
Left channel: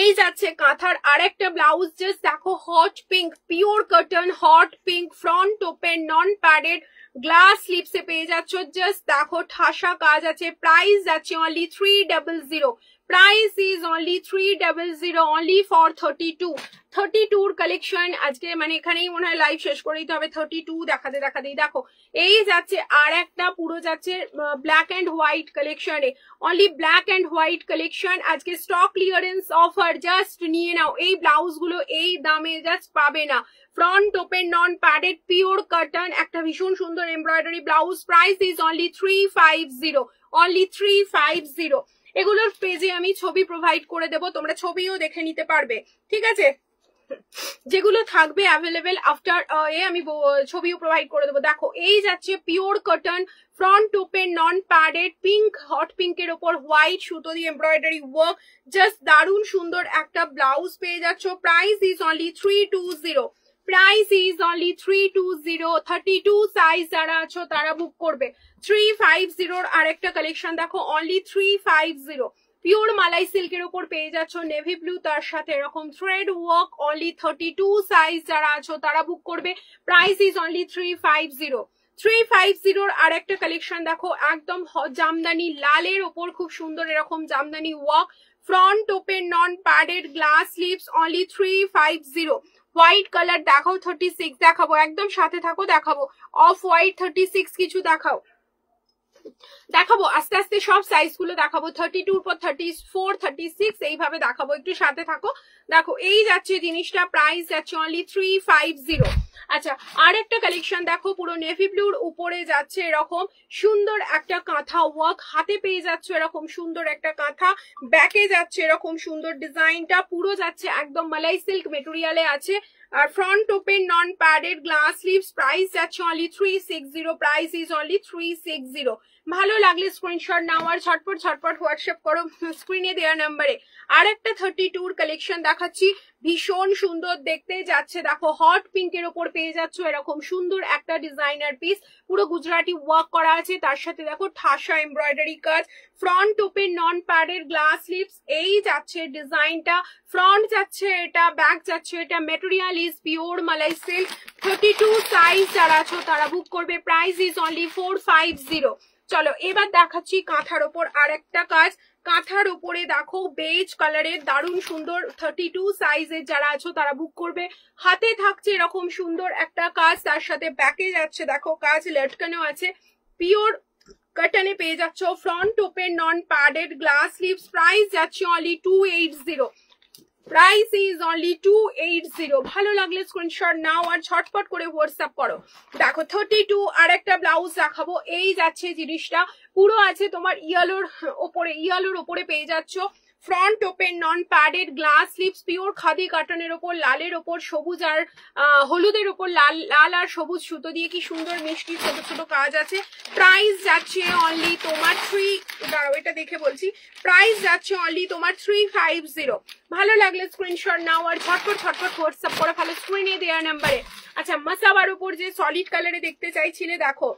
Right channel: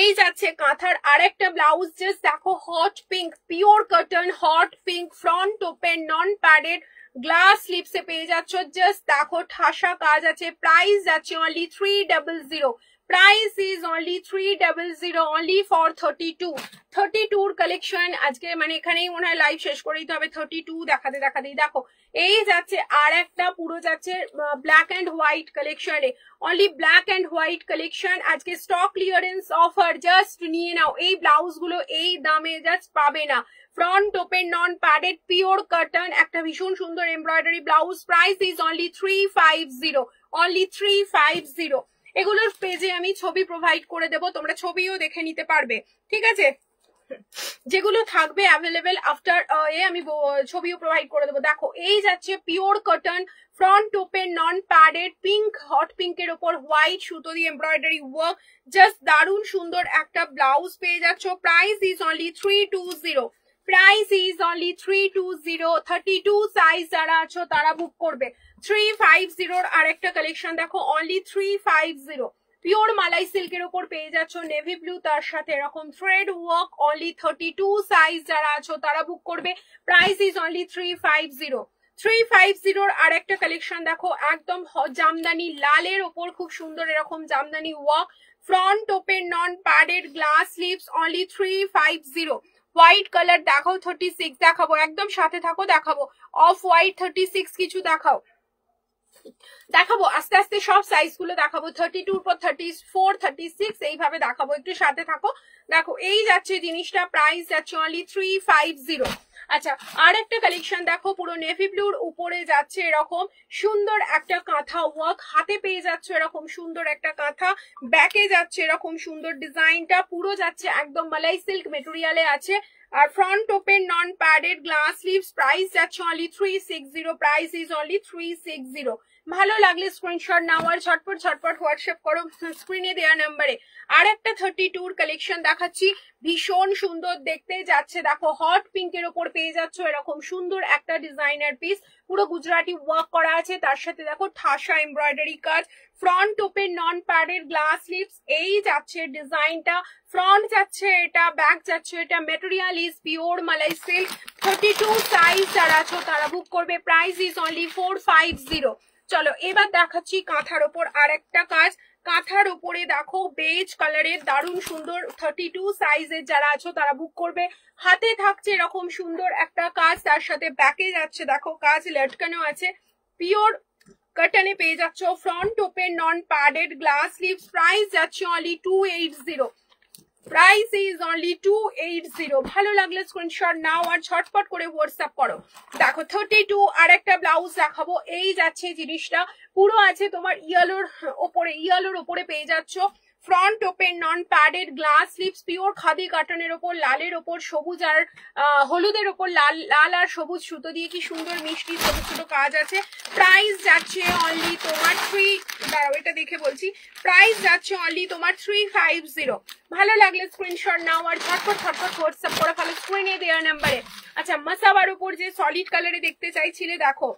এই যাচ্ছে কাঁথার আরেকটা ব্লাউজ, জাস্ট দেখো hot pink, pure cotton hot pink, front open, non padded, glass স্লিপসে পেয়ে যাচ্ছ। জাস্ট দেখো ঠাসা কাজ আছে। প্রাইস যাচ্ছে only 300। Price is only 300 only for 32 collection. আজকে মানে এখানেই মনে হয় লাইভ শেষ করে দিতে হবে। 32 দেখাতেই দেখো এই যাচ্ছে আর একটা পুরো যাচ্ছে ব্ল্যাক অ্যান্ড হোয়াইট কালেকশনে, only black and white collection. আজকে স্টক ক্লিয়ারেন্স অফার, জাস্ট নিয়ে নাও। এই ব্লাউজ গুলো এই দামে জাস্ট পাবে না। Front open, non padded, pure cotton, একটা ভীষণ সুন্দর embroidery blouse. Price is only 350, only 350। এগুলোর পেজে আমি ছবি প্রোভাইড করে দেবো, তোমরা ছবিও দেখে নিতে পারবে, ঠিক আছে? যেগুলো থাকবে অ্যাভেলেবেল আফটার আমি ছবিও প্রোভাইড করে দেবো। দেখো এই যাচ্ছে pure cotton, front open, non padded, pink, hot পিঙ্কের ওপর হোয়াইট সুতো দিয়ে এমব্রয়ডারি ওয়ার্ক, জাস্ট দারুণ সুন্দর একটা ব্লাউজ পেয়ে যাচ্ছ। Price is only 320। Price is only 320। 32 size যারা আছো তারা বুক করবে। 350 আর একটা কালেকশন দেখো, অনলি 350। পিওর মালাই সিল্কের উপর পেয়ে যাচ্ছ নেভি ব্লু, তার সাথে এরকম থ্রেড ওয়ার্ক, অনলি 32 সাইজ যারা আছো তারা বুক করবে। Price is only 350। 350 আর একটা কালেকশন দেখো, একদম জামদানি লালের ওপর খুব সুন্দর এরকম jamdani work, front open, non padded, glass slips, only 350। White colour দেখাও, 36 দেখাবো, একদম সাথে থাকো, দেখাবো অফ হোয়াইট 36 কিছু দেখাবো আস্তে আস্তে সব সাইজ গুলো দেখাবো। 32 পর 34, 36 এইভাবে দেখাবো, একটু সাথে থাকো। দেখো এই যাচ্ছে জিনিসটা, প্রাইস যাচ্ছে অনলি 350। আচ্ছা আর একটা কালেকশন দেখো, পুরো নেভি ব্লুর উপরে যাচ্ছে এরকম সুন্দর একটা কাঁথা ওয়ার্ক, হাতে পেয়ে যাচ্ছে এরকম সুন্দর একটা কাঁথা, ব্যাকে যাচ্ছে এরকম সুন্দর ডিজাইনটা, পুরো যাচ্ছে একদম মালাই সিল্ক মেটেরিয়ালে আছে। আর front open, non padded, glass sleeves. Price যাচ্ছে অনলি 360। Price is only 360। ভালো লাগলে স্ক্রিনশট নাও আর ঝটপট হোয়াটসঅ্যাপ করো স্ক্রিনে দেওয়া নাম্বারে। আর একটা 32 কালেকশন দেখাচ্ছি, ভীষণ সুন্দর দেখতে যাচ্ছে। দেখো হট পিঙ্কের ওপর পেয়ে যাচ্ছ এরকম সুন্দর একটা ডিজাইনার পিস, পুরো গুজরাটি ওয়ার্ক করা আছে, তার সাথে দেখো ঠাসা এমব্রয়ডারি কাজ, front open, non padded, glass slips. এই যাচ্ছে ডিজাইনটা, ফ্রন্ট যাচ্ছে এটা, ব্যাক যাচ্ছে এটা, material is pure malai silk. 32 size যারা আছো তারা বুক করবে। Price is only 450। চলো এবার দেখাচ্ছি কাঁথার ওপর আর একটা কাজ। কাঁথার উপরে দেখো বেজ কালারের দারুণ সুন্দর, 32 সাইজের যারা আছো তারা বুক করবে। হাতে থাকছে এরকম সুন্দর একটা কাজ, তার সাথে ব্যাকে যাচ্ছে দেখো কাজ লটকানো আছে, পিওর কটনে পেয়ে যাচ্ছ, front open, non padded, glass sleeves. Price যাচ্ছে অনলি 280। Price is only 280। ভালো লাগলে স্ক্রিনশট নাও আর ঝটপট করে হোয়াটসঅ্যাপ করো। দেখো 32 আর একটা ব্লাউজ দেখাবো, এই যাচ্ছে জিনিসটা, পুরো আছে তোমার ইয়েলোর ওপরে পেয়ে যাচ্ছ, front open, non padded, glass sleeves, pure khadi কাটনের ওপর, লালের ওপর সবুজ আর হলুদের ওপর লাল আর সবুজ সুতো দিয়ে কি সুন্দর মিষ্টি ছোট ছোট কাজ আছে। প্রাইস যাচ্ছে অনলি তোমার এটা দেখে বলছি, প্রাইস যাচ্ছে অনলি তোমার 350। ভালো লাগলে স্ক্রিনশট নাও আর ঝটপট হোয়াটসঅ্যাপ করে ফেলো স্ক্রিনে দেওয়া নাম্বারে। আচ্ছা মাসাবার উপর যে সলিড কালারে দেখতে চাইছিলে, দেখো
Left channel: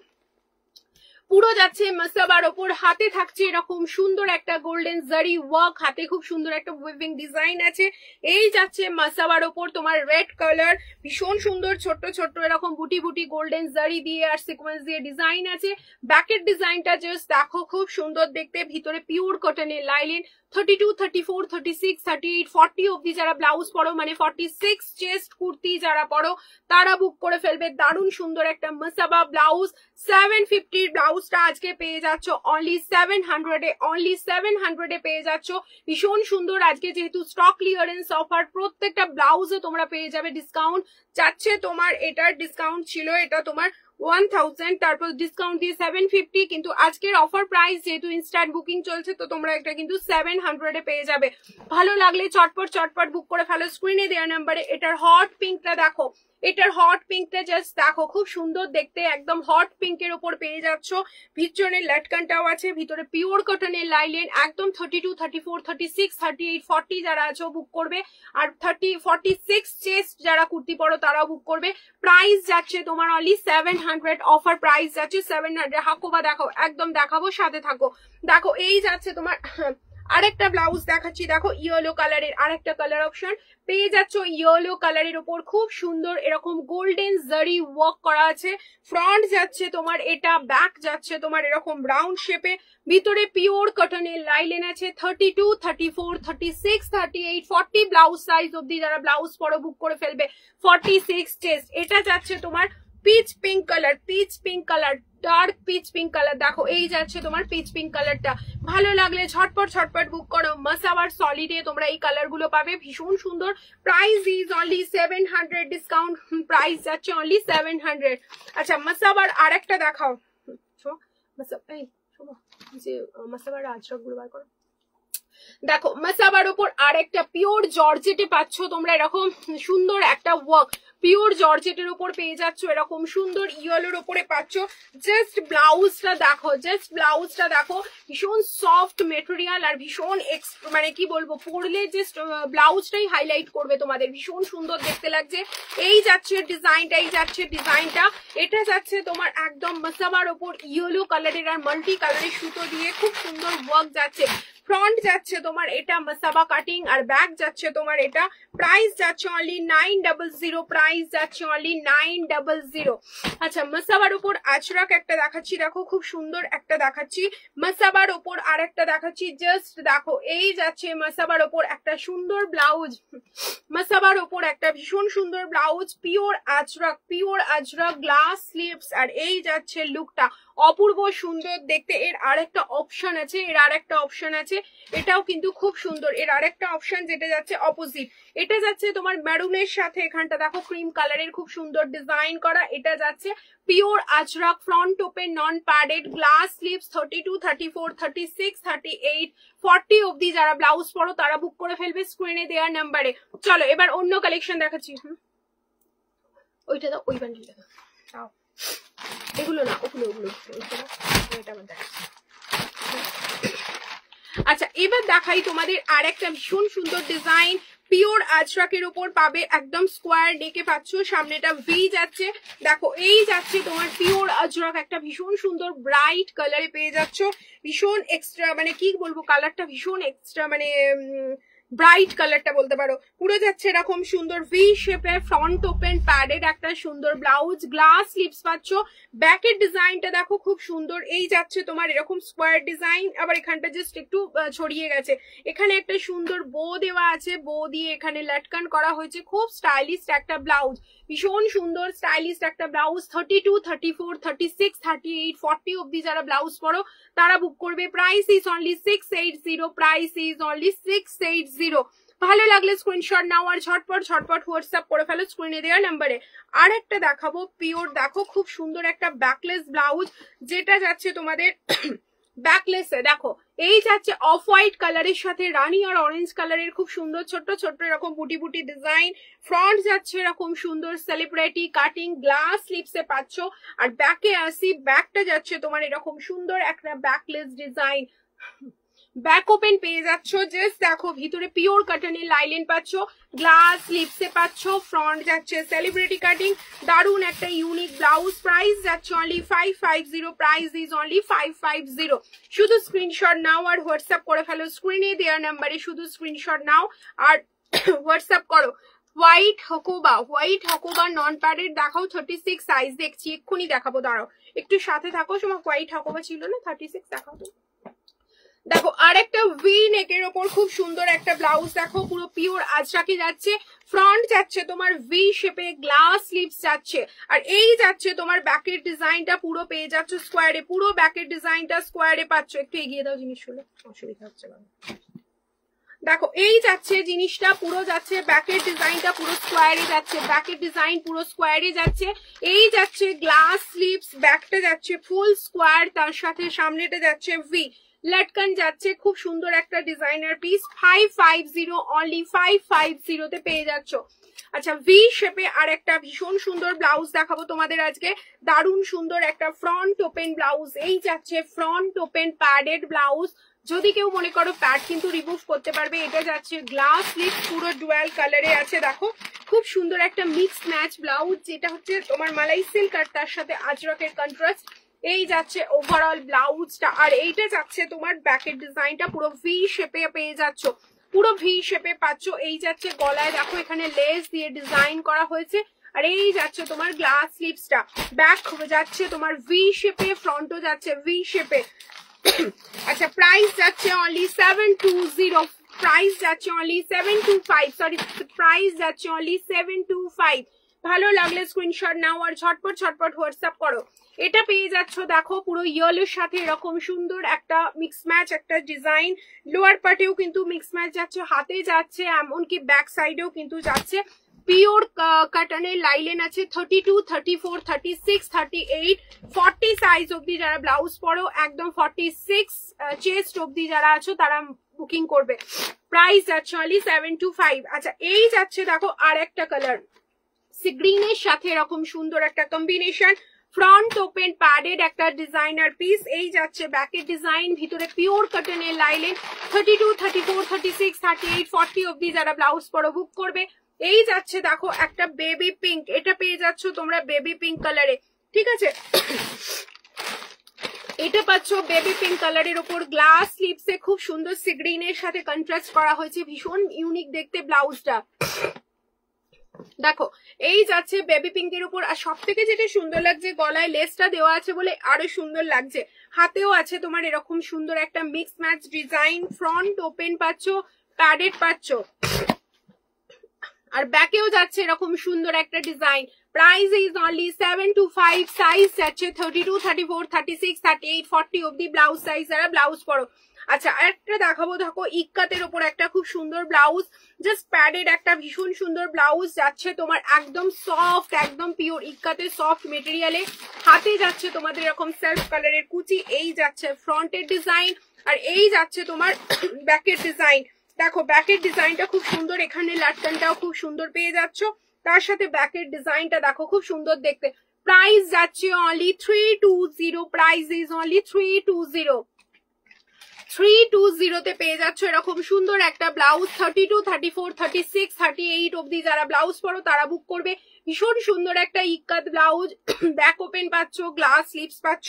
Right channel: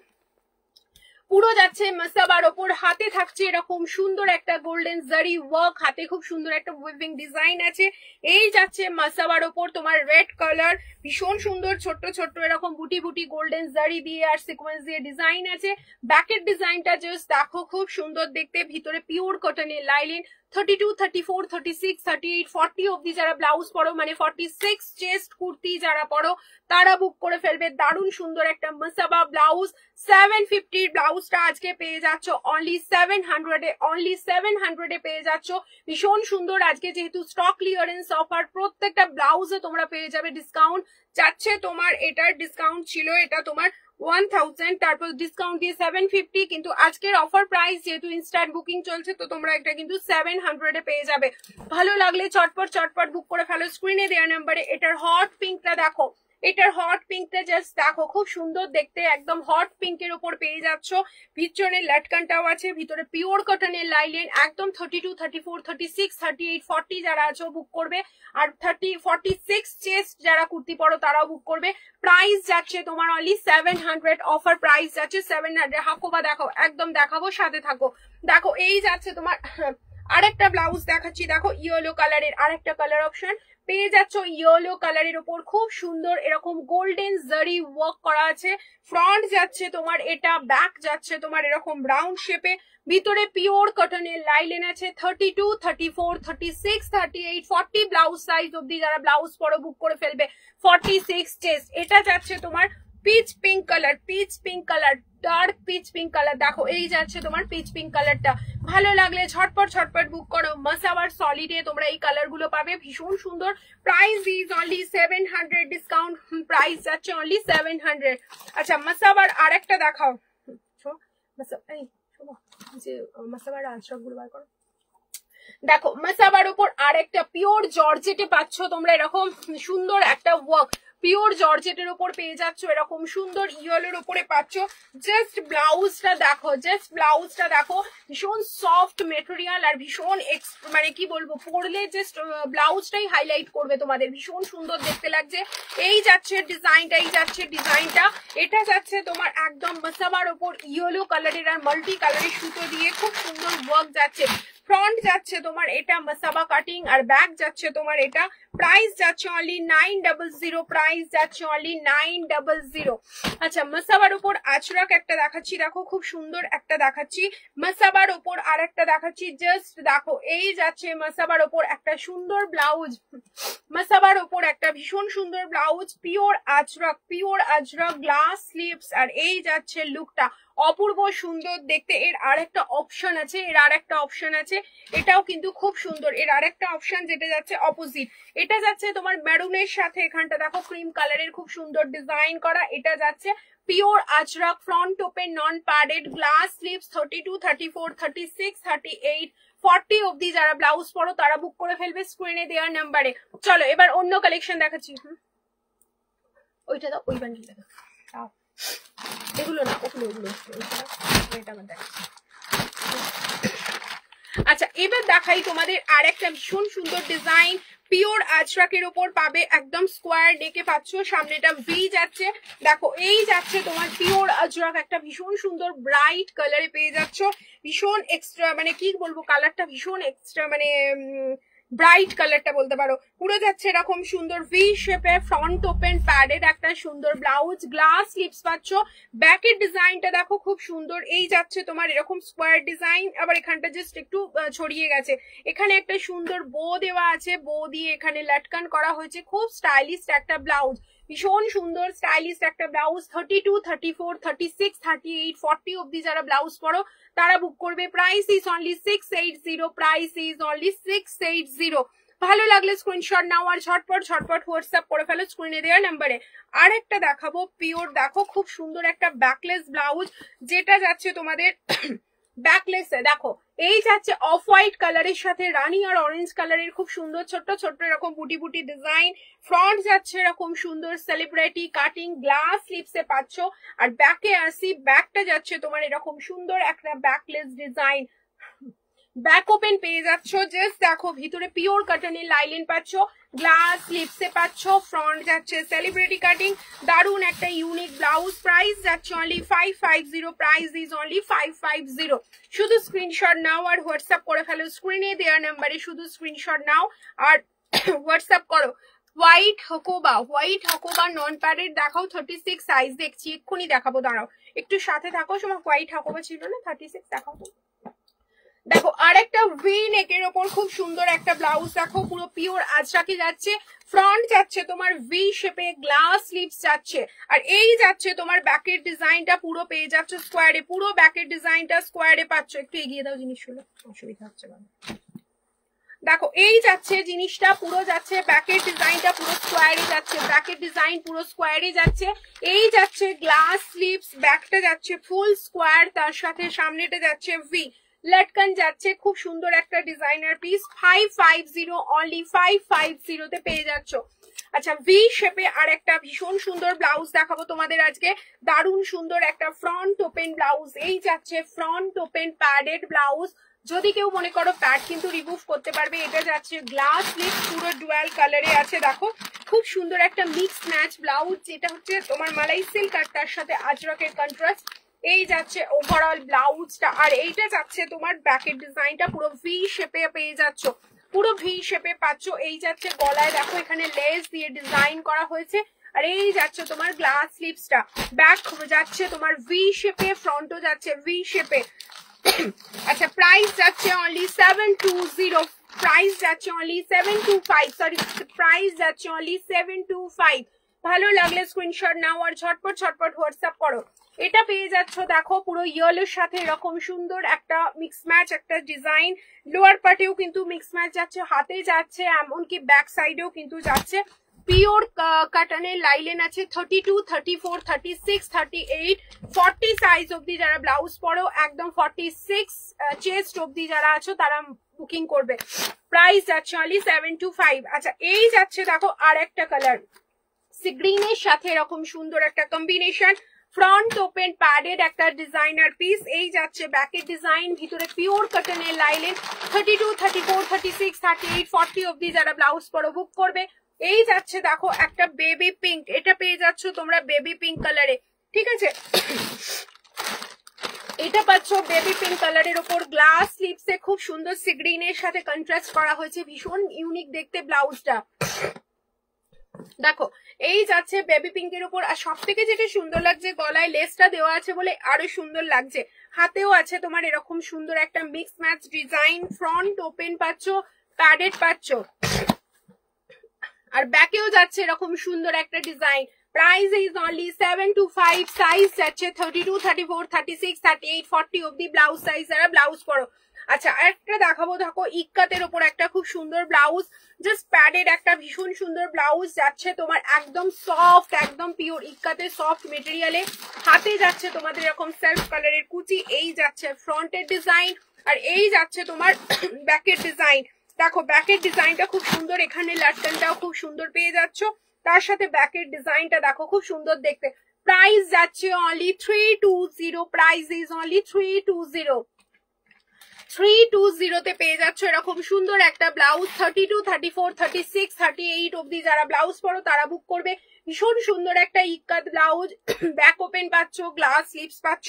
পুরো যাচ্ছে মাসাবার ওপর, হাতে থাকছে এরকম সুন্দর একটা গোল্ডেন জারি ওয়ার্ক, হাতে খুব সুন্দর একটা উইভিং ডিজাইন আছে। এই যাচ্ছে মাসাবার ওপর তোমার রেড কালার, ভীষণ সুন্দর ছোট্ট ছোট্ট এরকম বুটি বুটি গোল্ডেন জারি দিয়ে আর সিকোয়েন্স দিয়ে ডিজাইন আছে। ব্যাকের ডিজাইনটা জাস্ট দেখো খুব সুন্দর দেখতে, ভিতরে পিওর কটনের লাইলিন। 32, 34, 36, 38, 40 অব্দি যারা ব্লাউজ পরো, মানে 46 চেস্ট কুর্তি যারা পরো তারা বুক করে ফেলবে। দারুণ সুন্দর একটা মাসাবা ব্লাউজ, 750 ব্লাউজটা আজকে পেয়ে যাচ্ছ অনলি 700 অনলি 700 পেয়ে যাচ্ছ। ভীষণ সুন্দর আজকে যেহেতু স্টক ক্লিয়ারেন্স অফার, প্রত্যেকটা ব্লাউজে তোমরা পেয়ে যাবে ডিসকাউন্ট। যাচ্ছে তোমার এটার ডিসকাউন্ট ছিল, এটা তোমার 1000, তারপর ডিসকাউন্ট দিয়ে 750, কিন্তু আজকের অফার প্রাইস যেহেতু ইনস্ট্যান্ট বুকিং চলছে তো তোমরা এটা কিন্তু 700 পেয়ে যাবে। ভালো লাগলে চটপট বুক করে ফেলো স্ক্রিনে দেওয়া নাম্বারে। এটার হট পিঙ্কটা দেখো, এটার হট পিঙ্কটা জাস্ট দেখো খুব সুন্দর দেখতে, একদম হট পিঙ্কের ওপর পেয়ে যাচ্ছ। ভিতরের লটকানটাও আছে, ভিতরে পিওর কটনের লাইলেন, একদম 32, 34, 36, 38, 40 যারা আছো বুক করবে। আর 46 চেস্ট যারা কুর্তি পরো তারাও বুক করবে। প্রাইস যাচ্ছে তোমার অনলি 700, অফার প্রাইস যাচ্ছে 700। হাকো বা দেখো, একদম দেখাবো সাথে থাকো। দেখো এই যাচ্ছে তোমার আরেকটা ব্লাউজ দেখাচ্ছি, দেখো ইয়েলো কালারের আরেকটা কালার অপশন পেয়ে যাচ্ছ। ইয়েলো কালারের উপর খুব সুন্দর এরকম গোল্ডেন জারি ওয়ার্ক করা আছে। ফ্রন্ট যাচ্ছে তোমার এটা, ব্যাক যাচ্ছে তোমার এরকম রাউন্ড শেপে, ভিতরে পিওর কটনের লাইলেন আছে। 32, 34, 36, 38, 40 ব্লাউজ সাইজ অব্দি যারা ব্লাউজ পরো বুক করে ফেলবে। 46 চেস্ট। এটা যাচ্ছে তোমার pitch pink colour, pitch pink colour, dark pitch pink colour. দেখো এই যাচ্ছে তোমার পিচ পিঙ্ক কালারটা। ভালো লাগলে ঝটপট ঝটপট বুক করো। মাসাবার সলিডে তোমরা এই কালার গুলো পাবে, ভীষণ সুন্দর। Price is only 700, discount price যাচ্ছে অনলি 700। আচ্ছা মাসাবার আরেকটা দেখাও, মাসাবার আজরাক গুলো বার করো। দেখো মাসাবার উপর আরেকটা পিওর জর্জেটে পাচ্ছ তোমরা এরকম সুন্দর একটা ওয়ার্ক, পিওর জর্জেটের উপর পেয়ে যাচ্ছ এরকম সুন্দর ইয়েলোর উপরে পাচ্ছ। জাস্ট ব্লাউজটা দেখো, জাস্ট ব্লাউজটা দেখো, ভীষণ সফট মেটেরিয়াল আর ভীষণ মানে কি বলবো, পরলে জাস্ট ব্লাউজটাই হাইলাইট করবে তোমাদের, ভীষণ সুন্দর দেখতে লাগছে। এই যাচ্ছে ডিজাইনটা, এই যাচ্ছে ডিজাইনটা। এটা যাচ্ছে তোমার একদম মাসাবার উপর ইয়েলো কালারের আর মাল্টি কালারের সুতো দিয়ে খুব সুন্দর ওয়ার্ক যাচ্ছে। ফ্রন্ট যাচ্ছে তোমার এটা মাসাবা কাটিং আর ব্যাক যাচ্ছে তোমার এটা। প্রাইস যাচ্ছে অনলি 900, প্রাইস যাচ্ছে অনলি 900। আচ্ছা মাসাবার উপর আচরাক একটা দেখাচ্ছি, দেখো খুব সুন্দর একটা দেখাচ্ছি। মাসাবার উপর আর একটা দেখাচ্ছি, জাস্ট দেখো এই যাচ্ছে মাসাবার উপর একটা সুন্দর ব্লাউজ, মাসাবার উপর একটা ভীষণ সুন্দর ব্লাউজ, পিওর আচরাক, পিওর আচরাক, গ্লাস স্লিভস। আর এই যাচ্ছে লুকটা অপূর্ব সুন্দর দেখতে। এর আরেকটা অপশন আছে, এর আরেকটা অপশন আছে, এটাও কিন্তু খুব সুন্দর। এর আরেকটা অপশন যেটা যাচ্ছে অপোজিট, এটা যাচ্ছে তোমার মেরুনের সাথে এখানটা দেখো ক্রিম কালারের খুব সুন্দর ডিজাইন করা। এটা যাচ্ছে pure Ajrak, front open, non padded, glass sleeves. 32, 34, 36, 38, 40 অব্দি যারা ব্লাউজ পরো তারা বুক করে ফেলবে স্ক্রিনে দেওয়ার নাম্বারে। চলো এবার অন্য কালেকশন দেখাচ্ছি। ওইটা দাও, ওই বান্ডিলটা দাও, এগুলো না, ওগুলো ওগুলো এটা আমার দেখাচ্ছি। আচ্ছা এবার দেখাই তোমাদের আর একটা ভীষণ সুন্দর ডিজাইন, পিওর আজরাকের উপর পাবে, একদম স্কোয়ার নেকে পাচ্ছ, সামনেটা ভি যাচ্ছে। দেখো এই যাচ্ছে তোমার পিওর আজরাক, একটা ভীষণ সুন্দর ব্রাইট কালারে পেয়ে যাচ্ছ, ভীষণ এক্সট্রা মানে কি বলবো, কালারটা ভীষণ এক্সট্রা মানে ব্রাইট কালারটা বলতে পারো। পুরো যাচ্ছে এরকম সুন্দর ভি শেপে, ফ্রন্ট ওপেন প্যাডেড একটা সুন্দর ব্লাউজ, গ্লাস স্লিভস পাচ্ছ। ব্যাকের ডিজাইনটা দেখো খুব সুন্দর, এই যাচ্ছে তোমার এরকম স্কোয়ার ডিজাইন, আবার এখানটা জাস্ট একটু ছড়িয়ে গেছে। এখানে একটা সুন্দর বো দেওয়া আছে, বো দিয়ে এখানে লটকান করা হয়েছে, খুব স্টাইলিশ একটা ব্লাউজ, ভীষণ সুন্দর স্টাইলিশ একটা ব্লাউজ। 32, 34, 36, 38, 40 অব্দি যারা ব্লাউজ পরো তারা বুক করবে। Price is only 680, price is only 680। ভালো লাগলে স্ক্রিনশট নাও আর ঝটপট ঝটপট হোয়াটসঅ্যাপ করে ফেলো স্ক্রিনে দেওয়া নাম্বারে। আর একটা দেখাবো পিওর, দেখো খুব সুন্দর একটা ব্যাকলেস ব্লাউজ, যেটা যাচ্ছে তোমাদের ব্যাকলেসে দেখো এই যাচ্ছে অফ হোয়াইট কালারের সাথে রানি আর অরেঞ্জ কালারের খুব সুন্দর ছোট্ট ছোট্ট এরকম বুটি বুটি ডিজাইন। ফ্রন্ট যাচ্ছে এরকম সুন্দর সেলিব্রিটি কাটিং, গ্লাস স্লিভসে পাচ্ছ। আর ব্যাকে আসি, ব্যাকটা যাচ্ছে তোমার এরকম সুন্দর একটা ব্যাকলেস ডিজাইন, ব্যাক ওপেন পেয়ে যাচ্ছ। জাস্ট দেখো ভিতরে পিওর কটনের লাইলেন পাচ্ছ, গ্লাস স্লিভসে পাচ্ছ। ফ্রন্ট যাচ্ছে সেলিব্রিটি কাটিং, দারুন একটা ইউনিক ব্লাউজ। প্রাইস যাচ্ছে অনলি 550, প্রাইস ইজ অনলি 550। শুধু স্ক্রিনশট নাও আর হোয়াটসঅ্যাপ করে ফেলো স্ক্রিনে দেওয়ার নাম্বারে, শুধু স্ক্রিনশট নাও আর হোয়াটসঅ্যাপ করো। হোয়াইট হকোবা, হোয়াইট হকোবা নন প্যাডেড দেখাও, 36 সাইজ দেখছি, এক্ষুনি দেখাবো, দাঁড়াও একটু সাথে থাকো। সময় হোয়াইট হকোবা ছিল না, 36 দেখাও তো। দেখো আর একটা ভি নেকের ওপর খুব সুন্দর একটা ব্লাউজ, দেখো পুরো পিওর আজরাকে যাচ্ছে। ফ্রন্ট যাচ্ছে তোমার ভি শেপে, গ্লাস স্লিভস যাচ্ছে। আর এই যাচ্ছে তোমার ব্যাকের ডিজাইনটা পুরো পেয়ে যাচ্ছ স্কোয়ারে, পুরো ব্যাকের ডিজাইনটা স্কোয়ারে পাচ্ছ। একটু এগিয়ে দাও জিনিসগুলো, অসুবিধা হচ্ছে না। দেখো এই যাচ্ছে জিনিসটা পুরো যাচ্ছে, ব্যাকের ডিজাইনটা পুরো স্কোয়ারে যাচ্ছে, ব্যাকের ডিজাইন পুরো স্কোয়ারে যাচ্ছে। এই যাচ্ছে গ্লাস স্লিভস, ব্যাকটা যাচ্ছে ফুল স্কোয়ার, তার সাথে সামনেটা যাচ্ছে ভি, লটকান যাচ্ছে। খুব সুন্দর একটা ডিজাইনার পিস, 550, অনলি 550 তে পেয়ে যাচ্ছ। আচ্ছা ভি শেপে আর একটা ভীষণ সুন্দর ব্লাউজ দেখাবো তোমাদের আজকে, দারুণ সুন্দর একটা ফ্রন্ট ওপেন ব্লাউজ। এই যাচ্ছে ফ্রন্ট ওপেন প্যাডেড ব্লাউজ, যদি কেউ মনে করো প্যাড কিন্তু রিমুভ করতে পারবে। এটা যাচ্ছে গ্লাস স্লিভ, পুরো ডুয়াল কালারে আছে, দেখো খুব সুন্দর একটা মিক্স ম্যাচ ব্লাউজ, যেটা হচ্ছে তোমার মালাই সিল্ক আর তার সাথে আজরাকের কন্ট্রাস্ট। এই যাচ্ছে ওভারঅল ব্লাউজটা, আর এইটা যাচ্ছে তোমার ব্যাকের ডিজাইনটা পুরো ভি শেপে পেয়ে যাচ্ছ, পুরো ভি শেপে পাচ্ছ। এই যাচ্ছে গলায় দেখো এখানে লেস দিয়ে ডিজাইন করা হয়েছে, আর এই যাচ্ছে তোমার গ্লাস স্লিভসটা, ব্যাক যাচ্ছে তোমার ভি শেপে, ফ্রন্টও যাচ্ছে ভি শেপে। আচ্ছা প্রাইস যাচ্ছে অনলি 720, প্রাইস যাচ্ছে অনলি 725, সরি প্রাইস যাচ্ছে অনলি 725। ভালো লাগলে স্ক্রিনশট নাও আর ঝটপট ঝটপট হোয়াটসঅ্যাপ করো। এটা পেয়ে যাচ্ছ দেখো পুরো ইয়েলোর সাথে এরকম সুন্দর একটা মিক্স ম্যাচ একটা ডিজাইন, লোয়ার পার্টেও কিন্তু মিক্স ম্যাচ যাচ্ছে, হাতে যাচ্ছে, এমনকি ব্যাক সাইডেও কিন্তু যাচ্ছে। পিওর কাটনের লাইলেন আছে 32, 34, 36, 38, 40 সাইজ অব্দি যারা ব্লাউজ পরো, একদম 46 চেস্ট অব্দি যারা আছো তারা বুকিং করবে। প্রাইস যাচ্ছে অনলি 725। আচ্ছা এই যাচ্ছে দেখো আর একটা কালার, সি গ্রিনের সাথে এরকম সুন্দর একটা কম্বিনেশন, ফ্রন্ট ওপেন প্যাডেড একটা ডিজাইনার পিস। এই যাচ্ছে ব্যাকের ডিজাইন, ভিতরে পিওর কটনের লাইলেন 32, 34, 36, 38, 40 অব্দি যারা ব্লাউজ পরো বুক করবে। এই যাচ্ছে দেখো একটা বেবি পিঙ্ক, এটা পেয়ে যাচ্ছ তোমরা বেবি পিঙ্ক কালারে, ঠিক আছে। এটা পাচ্ছ বেবি পিঙ্ক কালারের উপর গ্লাস স্লিভসে খুব সুন্দর সি গ্রিনের সাথে কন্ট্রাস্ট করা হয়েছে, ভীষণ ইউনিক দেখতে ব্লাউজটা। দেখো এই যাচ্ছে বেবি পিঙ্কের উপর, আর সব থেকে যেটা সুন্দর লাগছে গলায় লেসটা দেওয়া আছে বলে আরো সুন্দর লাগছে, হাতেও আছে তোমার এরকম সুন্দর একটা mix match design, front open পাচ্ছ, প্যাডেড পাচ্ছ, আর ব্যাকেও যাচ্ছে এরকম সুন্দর একটা design. Price is only 725, size যাচ্ছে 32, 34, 36, 38, 40 অব্দি ব্লাউজ সাইজ যারা ব্লাউজ পরো। আচ্ছা আরেকটা দেখাবো দেখো ইক্কাতের ওপর একটা খুব সুন্দর ব্লাউজ, জাস্ট প্যাডেড একটা ভীষণ সুন্দর ব্লাউজ যাচ্ছে তোমার একদম সফট, একদম পিওর ইক্কাতে সফট মেটেরিয়ালে, হাতে যাচ্ছে তোমাদের এরকম সেলফ কালারের কুচি। এই যাচ্ছে ফ্রন্টের ডিজাইন, আর এই যাচ্ছে তোমার ব্যাকের ডিজাইন। দেখো ব্যাকের ডিজাইনটা খুব সুন্দর, এখানে লাটকানটাও খুব সুন্দর পেয়ে যাচ্ছ, তার সাথে ব্যাকের ডিজাইনটা দেখো খুব সুন্দর দেখতে। প্রাইস যাচ্ছে অনলি 320, প্রাইস ইজ অনলি 320। 320 তে পেয়ে যাচ্ছ এরকম সুন্দর একটা ব্লাউজ, 32, 34, 36, 38 অব্দি যারা ব্লাউজ পরো তারা বুক করবে। ভীষণ সুন্দর একটা ইক্কাত ব্লাউজ, ব্যাক ওপেন পাচ্ছ, গ্লাস স্লিভস পাচ্ছ।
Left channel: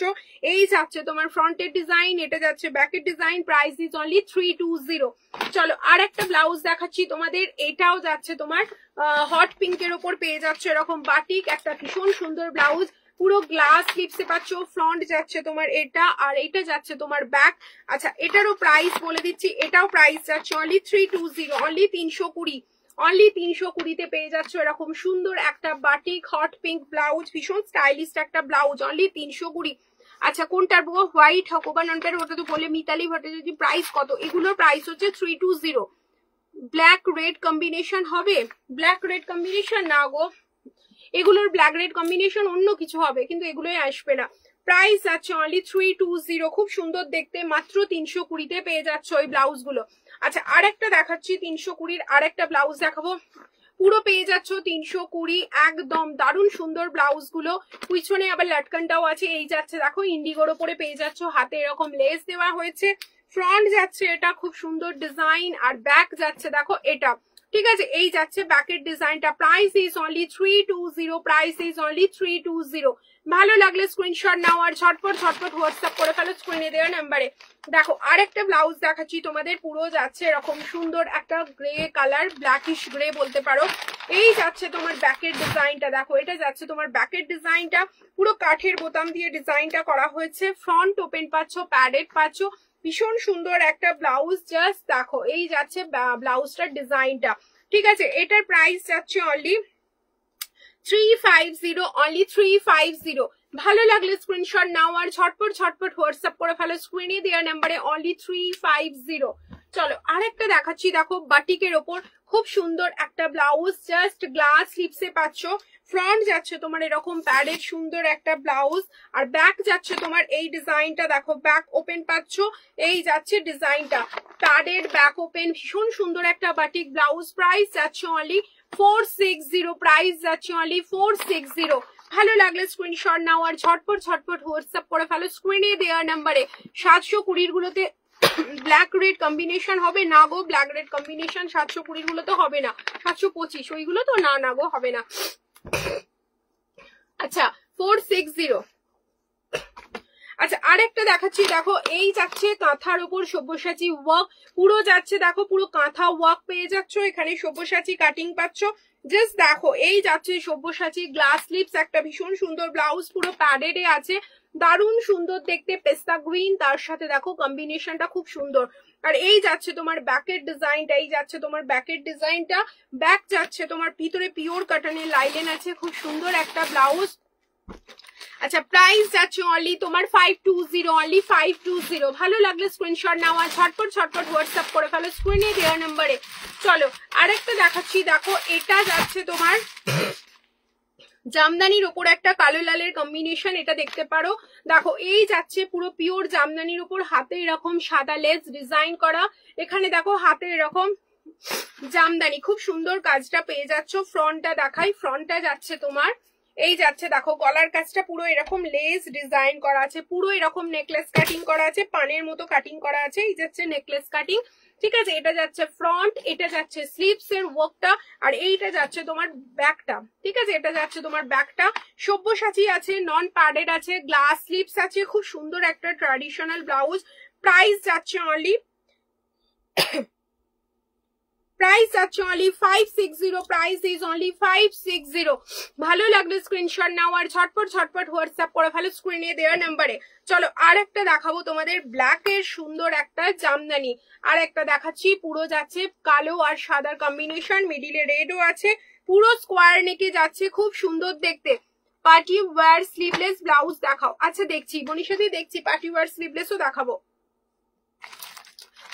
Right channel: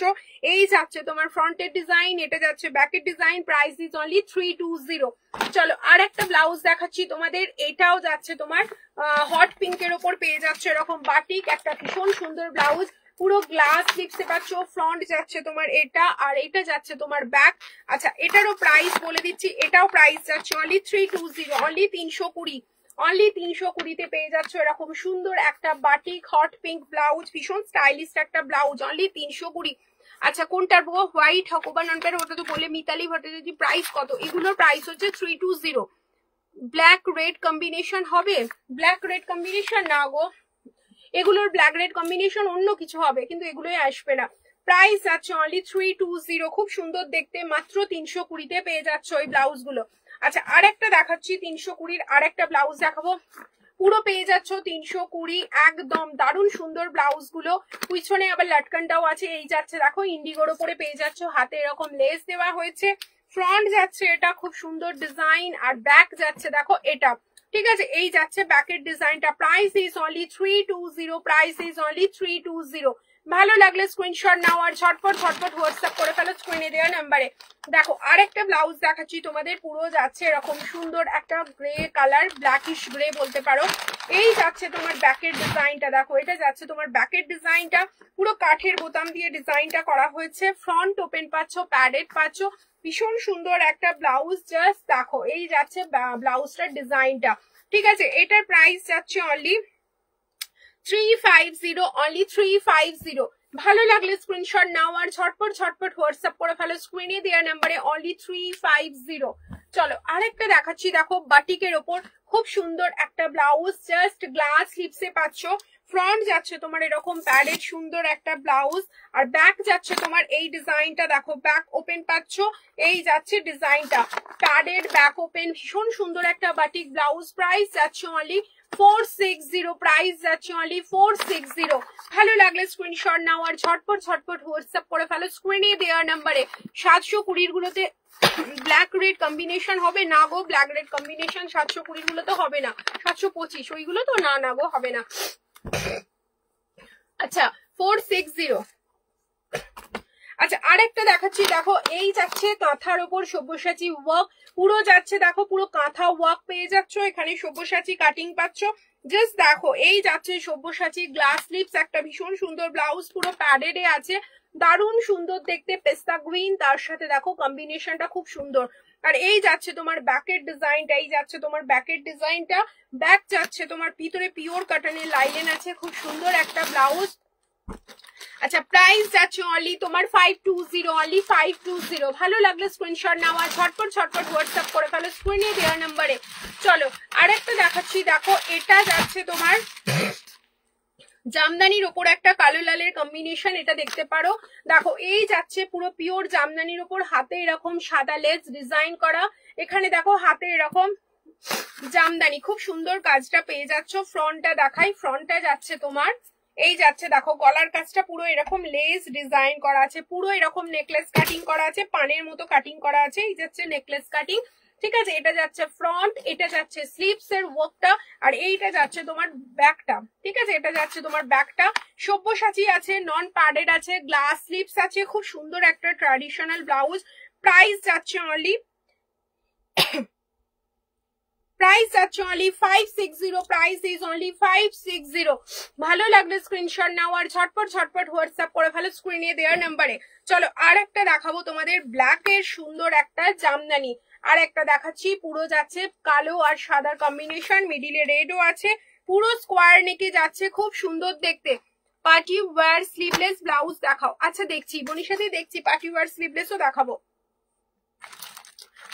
এই যাচ্ছে তোমার ফ্রন্টের ডিজাইন, এটা যাচ্ছে ব্যাকের ডিজাইন, প্রাইস ইজ অনলি 320। চলো আর একটা ব্লাউজ দেখাচ্ছি তোমাদের, এটাও যাচ্ছে তোমার হট পিঙ্কের ওপর পেয়ে যাচ্ছে এরকম বাটিক একটা ভীষণ সুন্দর ব্লাউজ, পুরো গ্লাস স্লিভসে পাচ্ছ, ফ্রন্ট যাচ্ছে তোমার এটা, আর এটা যাচ্ছে তোমার ব্যাক। আচ্ছা এটারও প্রাইস বলে দিচ্ছি, এটাও প্রাইস যাচ্ছে অনলি 320, অনলি 320, অনলি 320 পেয়ে যাচ্ছ এরকম সুন্দর একটা বাটিক হট পিঙ্ক ব্লাউজ, ভীষণ স্টাইলিশ একটা ব্লাউজ, অনলি 320। আচ্ছা কোনটার বউ হোয়াইট হোক বা নন প্যাড, ওটা তো বলে মিতালি ভট্টাচার্য প্রাইস কত, এগুলোর প্রাইস হচ্ছে 320। ব্ল্যাক রেড কম্বিনেশন হবে, ব্ল্যাক রেড কম্বিনেশন না গো, এগুলোর ব্ল্যাক রেড কম্বিনেশন অন্য কিছু হবে, কিন্তু এগুলোই আসবে না। প্রাইস আছে অনলি 320, খুব সুন্দর দেখতে, মাত্র 320 পেয়ে যাচ্ছ ওই ব্লাউজ গুলো। আচ্ছা আর একটা দেখাচ্ছি 320 আর একটা ব্লাউজ দেখাবো, পুরো পেয়ে যাচ্ছ 320, একদম দারুণ সুন্দর ব্লাউজ গুলো, পিছনে আবার লাটকানটাও আছে। এই যাচ্ছে দেখো ইন্ডিগোর ওপরে পেয়ে যাচ্ছ, হাতে এরকম লেস দেওয়া হয়েছে, ফ্রন্ট যাচ্ছে এটা খুব সুন্দর ডিজাইন, আর ব্যাক যাচ্ছে দেখো এটা, ঠিক আছে। এই যাচ্ছে ব্যাকের ডিজাইনটা, price is only 320, price is only 320। ভালো লাগলে স্ক্রিনশট নাও আর ঝটপট ঝটপট হোয়াটসঅ্যাপ করে ফেলো স্ক্রিনে দেওয়া নাম্বারে। দেখো আরেকটা ব্লাউজ দেখাচ্ছি তোমাদের, পুরো যাচ্ছে এরকম সুন্দর একটা গ্রে কালার, ব্ল্যাকিশ গ্রে বলতে পারো। এই যাচ্ছে তোমার ব্যাকের ডিজাইনটা, দেখো এটা যাচ্ছে তোমার ব্যাকের ডিজাইনটা, পুরো কাঠের বোতাম দিয়ে ডিজাইনটা করা হয়েছে, ফ্রন্ট ওপেন পাচ্ছ, প্যাডেড পাচ্ছ, ভীষণ সুন্দর একটা ব্লাউজ। জাস্ট দেখো এই যাচ্ছে ব্লাউজটার ডিজাইনটা, ঠিক আছে। এটার প্রাইস যাচ্ছে অনলি 350, অনলি 350। ভালো লাগলে স্ক্রিনশট নাও আর ঝটপট ঝটপট হোয়াটসঅ্যাপ করে ফেলো স্ক্রিনে দেওয়া নাম্বারে, অনলি 350। চলো আরেকটা দেখাচ্ছি, দেখো বাটিকের ওপর খুব সুন্দর একটা ব্লাউজ, জাস্ট গ্লাস স্লিভসে পাচ্ছ, ফ্রন্ট যাচ্ছে তোমার এরকম প্যাডেড সুন্দর একটা ব্লাউজ, আর ব্যাক যাচ্ছে তোমার এই ডিজাইনটা, দেখো ব্যাক ওপেন পাচ্ছ, এই যাচ্ছে ডিজাইনটা প্যাডেড ব্যাক ওপেন, ভীষণ সুন্দর একটা বাটিক ব্লাউজ। প্রাইস যাচ্ছে অনলি 460, প্রাইস যাচ্ছে অনলি 460। ভালো লাগলে স্ক্রিনশট নাও আর ঝটপট ঝটপট হোয়াটসঅ্যাপ করে ফেলো স্ক্রিনে দেওয়া নাম্বারে। 720 গুলোতে ব্ল্যাক রেড কম্বিনেশন হবে না গো, ব্ল্যাক রেড কম্বিনেশন 720 গুলো তো হবে না, 725 ওইগুলো তো না গো হবে না। আচ্ছা 460, আচ্ছা আরেকটা দেখাচ্ছি, দেখো এই যাচ্ছে কাঁথার উপর সব্যসাচী ওয়ার্ক, পুরো যাচ্ছে দেখো পুরো কাঁথা ওয়ার্ক পেয়ে যাচ্ছ, এখানে সব্যসাচী কাটিং পাচ্ছ। জাস্ট দেখো এই যাচ্ছে সব্যসাচী গ্লাস স্লিভস, একটা ভীষণ সুন্দর ব্লাউজ, পুরো প্যাডেড এ আছে, দারুণ সুন্দর দেখতে, পেস্তা গ্রিন, তার সাথে দেখো কম্বিনেশনটা খুব সুন্দর। আর এই যাচ্ছে তোমার ব্যাকের ডিজাইনটা, এই যাচ্ছে তোমার ব্যাকের ডিজাইনটা, ব্যাক যাচ্ছে তোমার ভিতরে পিওর কটনের লাইলেন আছে, খুব সুন্দর একটা ব্লাউজ। আচ্ছা প্রাইস যাচ্ছে অনলি তোমার 520, অনলি 520। ভালো লাগলে স্ক্রিনশট নাও আর ঝটপট ঝটপট হোয়াটসঅ্যাপ করে ফেলো স্ক্রিনে দেওয়া নাম্বারে। চলো আরেকটা দেখাচ্ছি, দেখো এটা যাচ্ছে তোমার জামদানির উপর একটা কালো লালের কম্বিনেশন, এটা দেখতে পারো। দেখো এই যাচ্ছে পুরো পিওর জামদানির উপর, হাতে এরকম সাদা লেস ডিজাইন করা, এখানে দেখো হাতে এরকম জামদানি, খুব সুন্দর কাজটা পেয়ে যাচ্ছ। ফ্রন্টটা দেখাই, ফ্রন্টটা যাচ্ছে তোমার এই যাচ্ছে দেখো গলার কাজটা পুরো এরকম লেস ডিজাইন করা আছে, পুরো এরকম নেকলেস কাটিং করা আছে, পানের মতো কাটিং করা আছে, এই যাচ্ছে নেকলেস কাটিং, ঠিক আছে। এটা যাচ্ছে ফ্রন্ট, এটা যাচ্ছে স্লিভস এর ওয়ার্কটা, আর এইটা যাচ্ছে তোমার ব্যাকটা, ঠিক আছে। এটা যাচ্ছে তোমার ব্যাকটা, সব্যসাচী আছে, নন প্যাডেড আছে, গ্লাস স্লিভস আছে, খুব সুন্দর একটা ট্র্যাডিশনাল ব্লাউজ। প্রাইস যাচ্ছে অনলি প্রাইস যাচ্ছে অনলি 560, প্রাইস ইজ অনলি 560। ভালো লাগলে স্ক্রিনশট নাও আর ঝটপট ঝটপট হোয়াটসঅ্যাপ করে ফেলো স্ক্রিনে দেওয়ার নাম্বারে। চলো আর একটা দেখাবো তোমাদের ব্ল্যাক এর সুন্দর একটা জামদানি, আর একটা দেখাচ্ছি পুরো যাচ্ছে কালো আর সাদার কম্বিনেশন, মিডিলে রেডও আছে, পুরো স্কোয়ার নেকে যাচ্ছে, খুব সুন্দর দেখতে। পার্টি ওয়্যার স্লিভলেস ব্লাউজ দেখাও। আচ্ছা দেখছি বোনের সাথে, দেখছি পার্টি ওয়্যার স্লিভলেসও দেখাবো।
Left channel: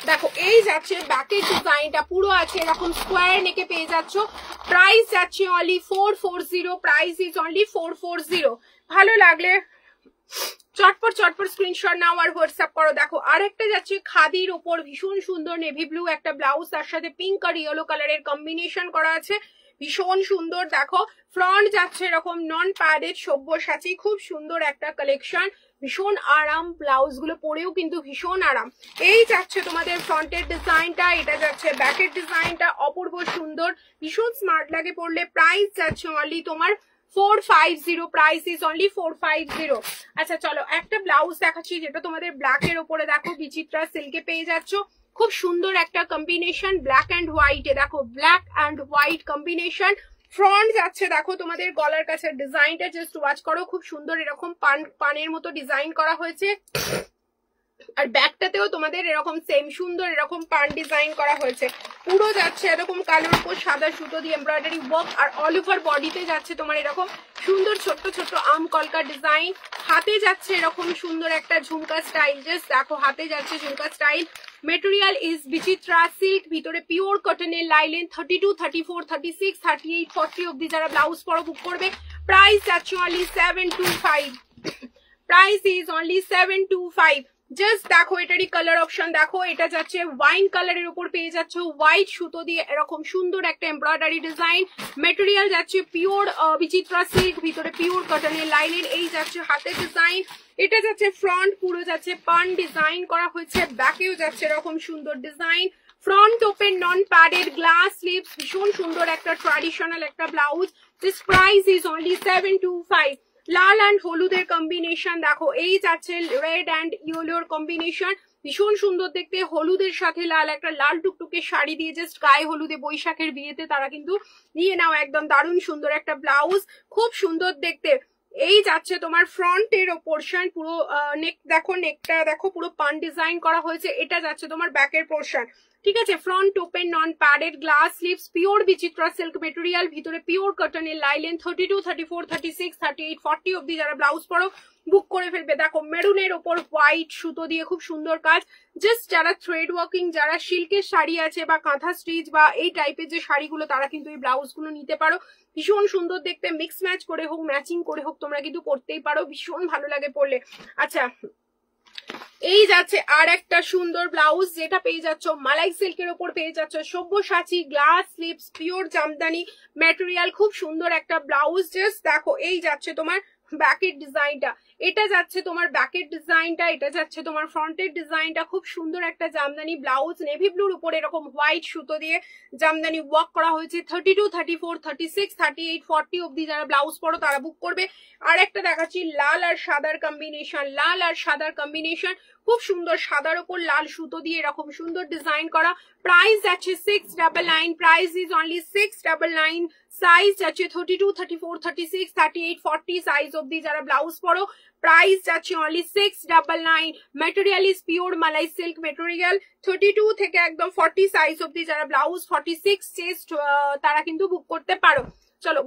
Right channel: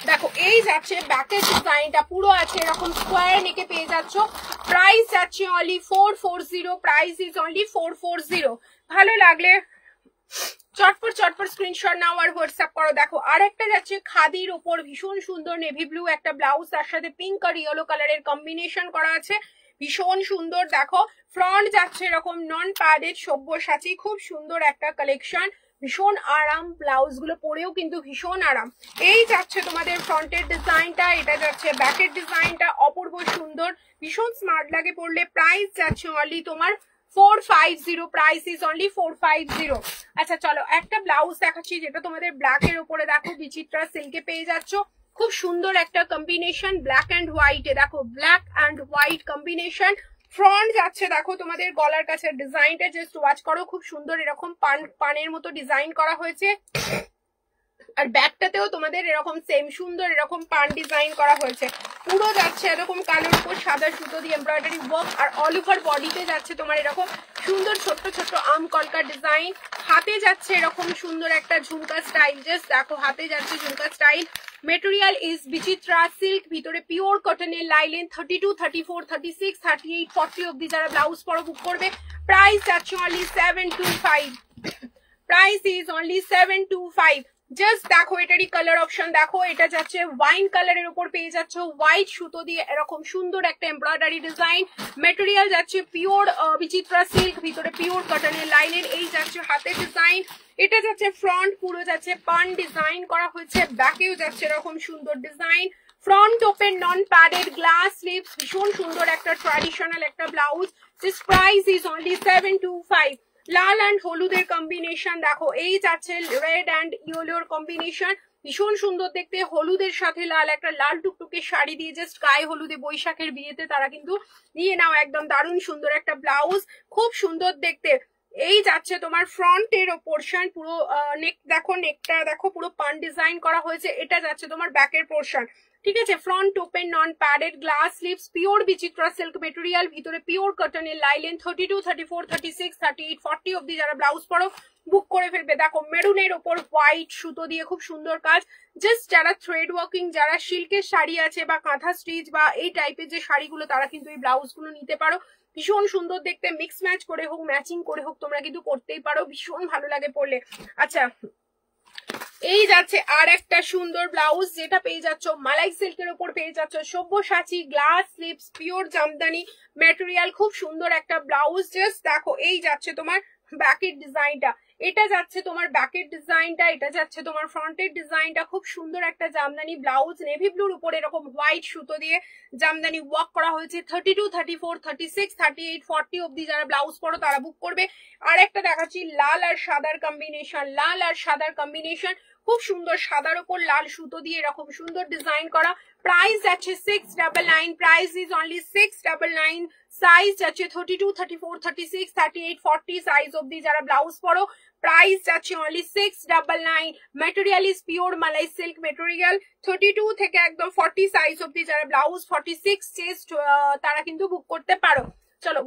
দেখো এই যাচ্ছে ব্যাকের ডিজাইনটা পুরো আছে এরকম স্কোয়ার নেকে পেয়ে যাচ্ছ। প্রাইস যাচ্ছে অনলি 440, প্রাইস ইজ অনলি 440। ভালো লাগলে চটপট চটপট স্ক্রিনশট নাও আর হোয়াটসঅ্যাপ করো। দেখো আর একটা যাচ্ছে খাদির ওপর ভীষণ সুন্দর নেভি ব্লু একটা ব্লাউজ, তার সাথে পিঙ্ক আর ইয়েলো কালারের কম্বিনেশন করা আছে, ভীষণ সুন্দর। দেখো ফ্রন্ট যাচ্ছে এরকম নন প্যাডেড সব্যসাচী, খুব সুন্দর একটা কালেকশন, ভীষণ আরাম, ব্লাউজ গুলো পরেও কিন্তু ভীষণ আরাম। এই যাচ্ছে তোমাদের ফ্রন্টের ডিজাইনটা, এটা যাচ্ছে ব্যাকের ডিজাইনটা, অপূর্ব সুন্দর, ভীষণ স্মার্ট লাগে পরলে। প্রাইস যাচ্ছে অনলি তোমার 450, প্রাইস ইজ অনলি 450। আচ্ছা চলো একটা ব্লাউজ দেখাচ্ছি যেটা তোমাদের ব্ল্যাক এর উপরে দেখো বিচিত্রা সিল্কে পেয়ে যাচ্ছ, খুব সুন্দর একটা কম্বিনেশন, ব্ল্যাক অ্যান্ড হোয়াইটে, দেখো black and white combination. Front যাচ্ছে দেখো তোমাদের গলার কাছে ডিজাইনটা জাস্ট ওয়াচ করো, খুব সুন্দর এরকম পানের মতো ডিজাইন করা হয়েছে, আর ব্যাকটাতেও তোমাদের এরকম সেম সুন্দর এরকম পান ডিজাইন করা হয়েছে, পুরো যাচ্ছে এরকম কালোর উপর সাদা সুতো দিয়ে এমব্রয়ডারি ওয়ার্ক, আর অল ওভার বডিতে যাচ্ছে তোমার এরকম সুন্দর ছোট্ট ছোট্ট আম কলকা ডিজাইন, হাতে যাচ্ছে এরকম সুন্দর একটা ঝুমকা স্টাইল, জাস্ট দেখো হাতে যাচ্ছে jhumka style. Material is Bichitra silk, ভিতরে পিওর কটনের লাইলেন, 32, 34, 36, 38, 40 অব্দি যারা ব্লাউজ পরো বুক করবে। প্রাইস যাচ্ছে only 725, price is only 725। Just দেখো এটারই কালার অপশন দেখো, এটা যাচ্ছে ওয়াইন কালারের উপর পেয়ে যাচ্ছে হোয়াইট সুতো দিয়ে এরকম সুন্দর একটা এমব্রয়ডারি ডিজাইন, মেটেরিয়াল যাচ্ছে পিওর বিচিত্রা সিল্ক, ভিতরে পিওর কটনের লাইনের, এই যাচ্ছে হাতের ডিজাইন, এটা যাচ্ছে ফ্রন্ট, পুরো যাচ্ছে পান ডিজাইন করা হয়েছে, ব্যাকেও যাচ্ছে এরকম সুন্দর design, front open non padded glass sleeves, ভীষণ সুন্দর একটা ট্র্যাডিশনাল একটা blouse. This price is only 725। Lal and হলুদের কম্বিনেশন দেখো, এই যাচ্ছে রেড অ্যান্ড ইয়েলোর কম্বিনেশন, ভীষণ সুন্দর দেখতে, হলুদের সাথে লাল, একটা লাল টুকটুকে শাড়ি দিয়ে জাস্ট গায়ে হলুদে বৈশাখের বিয়েতে তারা কিন্তু নিয়ে নাও, একদম দারুণ সুন্দর একটা ব্লাউজ, খুব সুন্দর দেখতে। এই যাচ্ছে তোমার ফ্রন্টের পোর্শন, পুরো নেক দেখো, নেকটা দেখো পুরো পান ডিজাইন করা হয়েছে, এটা যাচ্ছে তোমার ব্যাকের পোর্শন, ঠিক আছে। Front open non padded glass sleeves, pure Bichitra silk material, ভিতরে পিওর কটনের লাইলেন, 32, 34, 36, 38, 40 অব্দি যারা ব্লাউজ পরো বুক করে ফেলবে। দেখো মেরুনের ওপর হোয়াইট সুতো দিয়ে খুব সুন্দর কাজ, জাস্ট যারা থ্রেড ওয়ার্কিং, যারা সিল্কের শাড়ি আছে বা কাঁথা স্টিচ বা এই টাইপের যে শাড়িগুলো, তারা কিন্তু এই ব্লাউজ গুলো নিতে পারো, ভীষণ সুন্দর দেখতে, মিক্স ম্যাচ করে হোক ম্যাচিং করে হোক তোমরা কিন্তু পরতেই পারো, ভীষণ ভালো লাগে পরলে। আচ্ছা এই যাচ্ছে আর একটা সুন্দর ব্লাউজ, যেটা পেয়ে যাচ্ছ মালাই সিল্কের ওপর পেয়ে যাচ্ছ Sabyasachi glass sleeves, pure Jamdani material, খুব সুন্দর একটা ব্লাউজ। জাস্ট দেখো এই যাচ্ছে তোমার ব্যাকের ডিজাইনটা, এটা যাচ্ছে তোমার ব্যাকের ডিজাইনটা, এটা যাচ্ছে তোমার ফ্রন্টের ডিজাইনটা। খুব সুন্দর একটা জামদানি ব্লাউজ, নেভি ব্লুর উপর এরকম হোয়াইট সুতো দিয়ে জামদানি ওয়ার্ক করা হয়েছে। 32, 34, 36, 38, 40 অব্দি যারা ব্লাউজ পরো তারা বুক করবে। আর একটা দেখাচ্ছি লাল আর সাদার কম্বিনেশন, লাল আর সাদার কম্বিনেশন, খুব সুন্দর সাদার উপর লাল সুতো দিয়ে এরকম সুন্দর ডিজাইন করা। প্রাইস যাচ্ছে 699, প্রাইস ইজ অনলি 699। সাইজ যাচ্ছে 32, 34, 36, 38, 40 সাইজ অব্দি যারা ব্লাউজ পরো প্রাইস যাচ্ছে only 699। Material is pure malai silk material. 32 থেকে একদম 40 সাইজ অব্দি যারা ব্লাউজ 46 চেস্ট তারা কিন্তু বুক করতে পারো। চলো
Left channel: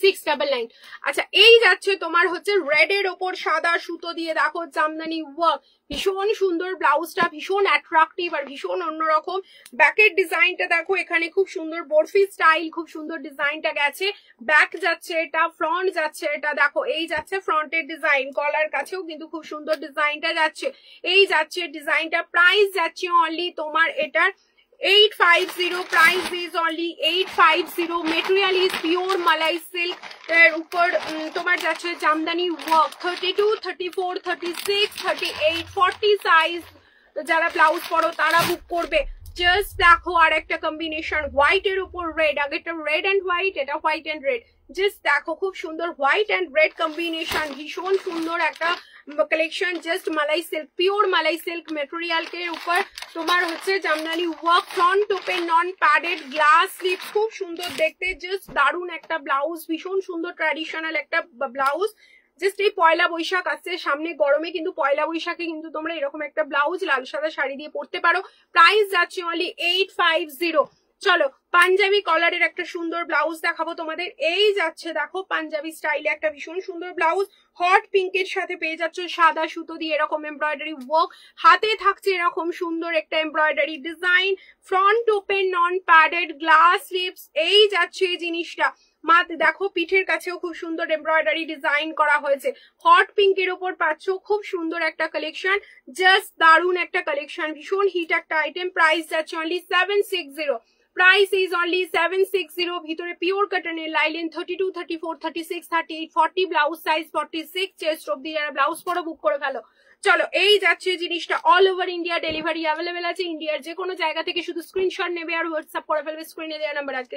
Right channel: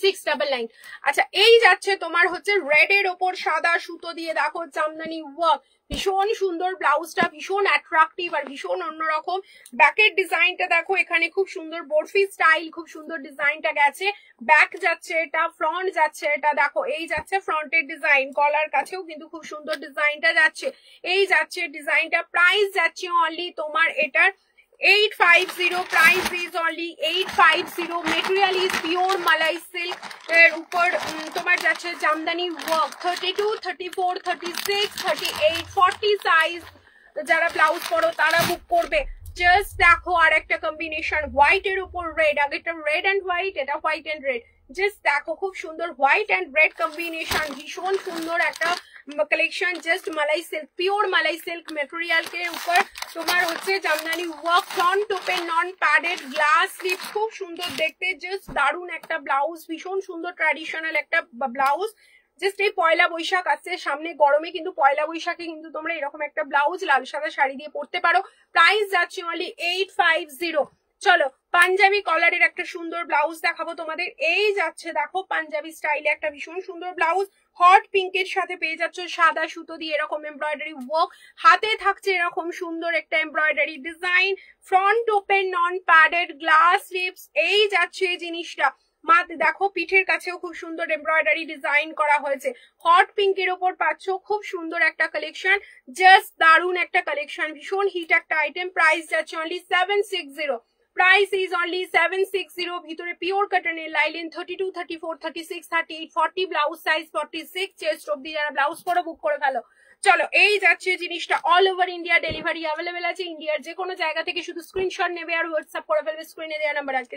699। আচ্ছা এই যাচ্ছে তোমার হচ্ছে রেড এর ওপর সাদা সুতো দিয়ে দেখো জামদানি ওয়ার্ক, ভীষণ সুন্দর ব্লাউজটা, ভীষণ অ্যাট্রাকটিভ আর ভীষণ অন্যরকম। ব্যাকের ডিজাইনটা দেখো, এখানে খুব সুন্দর বরফি স্টাইল, খুব সুন্দর ডিজাইনটা গেছে। ব্যাক যাচ্ছে এটা, ফ্রন্ট যাচ্ছে এটা, দেখো এই যাচ্ছে ফ্রন্টের ডিজাইন, কলার কাছেও কিন্তু খুব সুন্দর ডিজাইনটা যাচ্ছে। এই যাচ্ছে ডিজাইনটা, প্রাইস যাচ্ছে অনলি তোমার এটার 850, price is only 850। Material is pure malai silk এর উপর তোমার যাচ্ছে জামদানি ওয়ার্ক। 32, 34, 36, 38, 40 সাইজ যারা ব্লাউজ পরো তারা বুক করবে। জাস্ট দেখো আর একটা কম্বিনেশন, হোয়াইট এর উপর রেড, আগেটা রেড অ্যান্ড হোয়াইট, এটা হোয়াইট অ্যান্ড রেড। জাস্ট দেখো খুব সুন্দর হোয়াইট অ্যান্ড রেড কম্বিনেশন, ভীষণ সুন্দর একটা collection. Just malai silk, pure malai silk material के ऊपर তোমার হচ্ছে jamdani work, front open non padded glass slip, খুব সুন্দর দেখতে, জাস্ট দারুণ একটা ব্লাউজ, ভীষণ সুন্দর ট্র্যাডিশনাল একটা ব্লাউজ। জাস্ট এই পয়লা বৈশাখ আসছে সামনে, গরমে কিন্তু পয়লা বৈশাখে কিন্তু তোমরা এরকম একটা ব্লাউজ লাল সাদা শাড়ি দিয়ে পরতে পারো। প্রাইস যাচ্ছে অনলি 850। চলো পাঞ্জাবি কলারের একটা সুন্দর ব্লাউজ দেখাবো তোমাদের। এই যাচ্ছে দেখো পাঞ্জাবি স্টাইলে একটা ভীষণ সুন্দর ব্লাউজ, হট পিঙ্কের সাথে পেয়ে যাচ্ছ সাদা সুতো দিয়ে এরকম এমব্রয়ডারি ওয়ার্ক, হাতে থাকছে এরকম সুন্দর একটা embroidery design, front open non padded glass slips. এই যাচ্ছে এই জিনিসটা, মাতে দেখো পিঠের কাছেও খুব সুন্দর এমব্রয়ডারি ডিজাইন করা হয়েছে। হট পিঙ্কের ওপর পাচ্ছ খুব সুন্দর একটা কালেকশন, জাস্ট দারুণ একটা কালেকশন, ভীষণ হিট একটা আইটেম। প্রাইস যাচ্ছে অনলি 760, প্রাইস ইজ অনলি 760। ভিতরে পিওর কটনের লাইলেন 32, 34, 36, 38, 40 ব্লাউজ সাইজ 46 চেস্ট অব্দি যারা ব্লাউজ পরো বুক করে গেল। চলো এই যাচ্ছে জিনিসটা, all over India delivery available আছে, ইন্ডিয়ার যে কোনো জায়গা থেকে শুধু স্ক্রিনশট নেবে আর হোয়াটসঅ্যাপ করে ফেলবে স্ক্রিনে দেওয়া নাম্বার। আজকে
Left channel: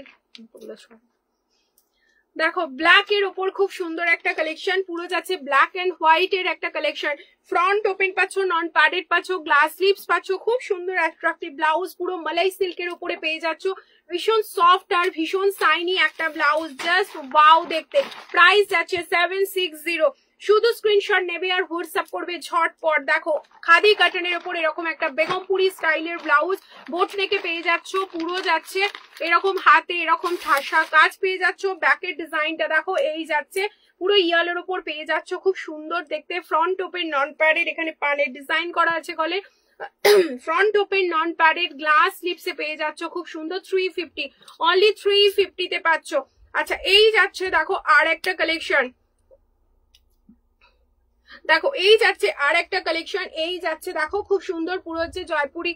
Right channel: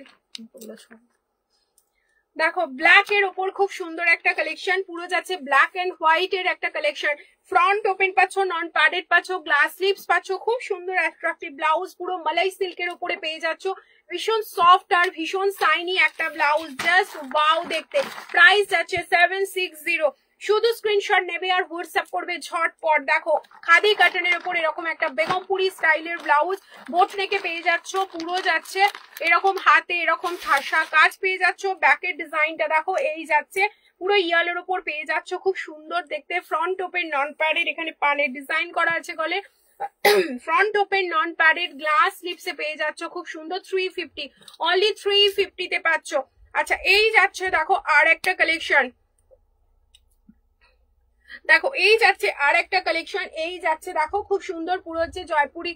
দেখো ব্ল্যাক এর ওপর খুব সুন্দর একটা কালেকশন, পুরো যাচ্ছে ব্ল্যাক এন্ড হোয়াইট এর একটা কালেকশন। ফ্রন্ট ওপেন পাচ্ছ, নন প্যাডেড পাচ্ছ, গ্লাস স্লিপস পাচ্ছ, খুব সুন্দর অ্যাট্রাকটিভ ব্লাউজ, পুরো মালাই সিল্কের উপরে পেয়ে যাচ্ছ, ভীষণ সফট আর ভীষণ সাইনি একটা ব্লাউজ, জাস্ট ওয়াও দেখতে। প্রাইস যাচ্ছে 760। শুধু স্ক্রিনশট নেবে আর হোয়াটসঅ্যাপ করবে ঝটপট। দেখো খাদি কাটনের উপর এরকম একটা বেগমপুরি স্টাইলের ব্লাউজ, বোট নেকে পেয়ে যাচ্ছ, পুরো যাচ্ছে এরকম হাতে এরকম ঠাসা কাজ পেয়ে যাচ্ছ। ব্যাকের ডিজাইনটা দেখো, এই যাচ্ছে পুরো ইয়ালের উপর পেয়ে যাচ্ছ, খুব সুন্দর দেখতে। ফ্রন্ট ওপেন নন প্যাডেড, এখানে পানের ডিজাইন করা আছে গলে। Front open non padded glass স্লিপসে পেয়ে যাচ্ছ, খুব সুন্দর। 350, অনলি 350 তে পাচ্ছ। আচ্ছা এই যাচ্ছে দেখো আর একটা কালেকশন, দেখো এই যাচ্ছে আর একটা কালেকশন, এই যাচ্ছে দেখো খুব সুন্দর, পুরো হচ্ছে জয়পুরি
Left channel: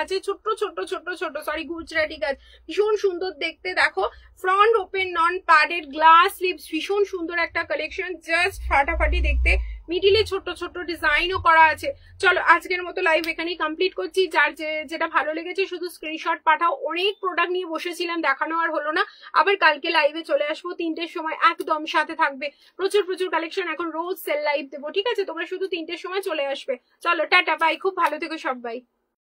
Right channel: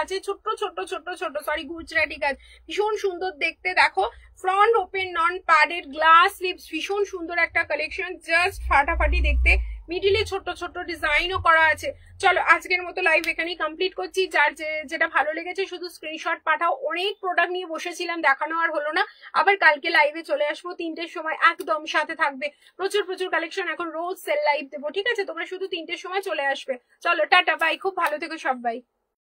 আছে, ছোট্ট ছোট্ট ছোট্ট ছোট সরি গুজরাটি কাজ, ভীষণ সুন্দর দেখতে। দেখো front open non padded glass slips, ভীষণ সুন্দর একটা কালেকশন, জাস্ট ফাটাফাটি দেখতে। মিডিলে ছোট ছোট ডিজাইনও করা আছে। চলো আজকের মতো লাইভ এখানেই কমপ্লিট করছি। যার যেটা ভালো লেগেছে শুধু স্ক্রিনশট পাঠাও। অনেক প্রোডাক্ট নিয়ে বসেছিলাম, দেখানো আর হলো না, আবার কালকে লাইভে চলে আসবো 3টের সময়, একদম সাথে থাকবে। প্রচুর প্রচুর কালেকশন, এখন রোজ সেল লাইভ দেবো, ঠিক আছে? তোমরা শুধু 3টের সময় চলে আসবে। চলো টাটা বাই, খুব ভালো থেকো সবাই।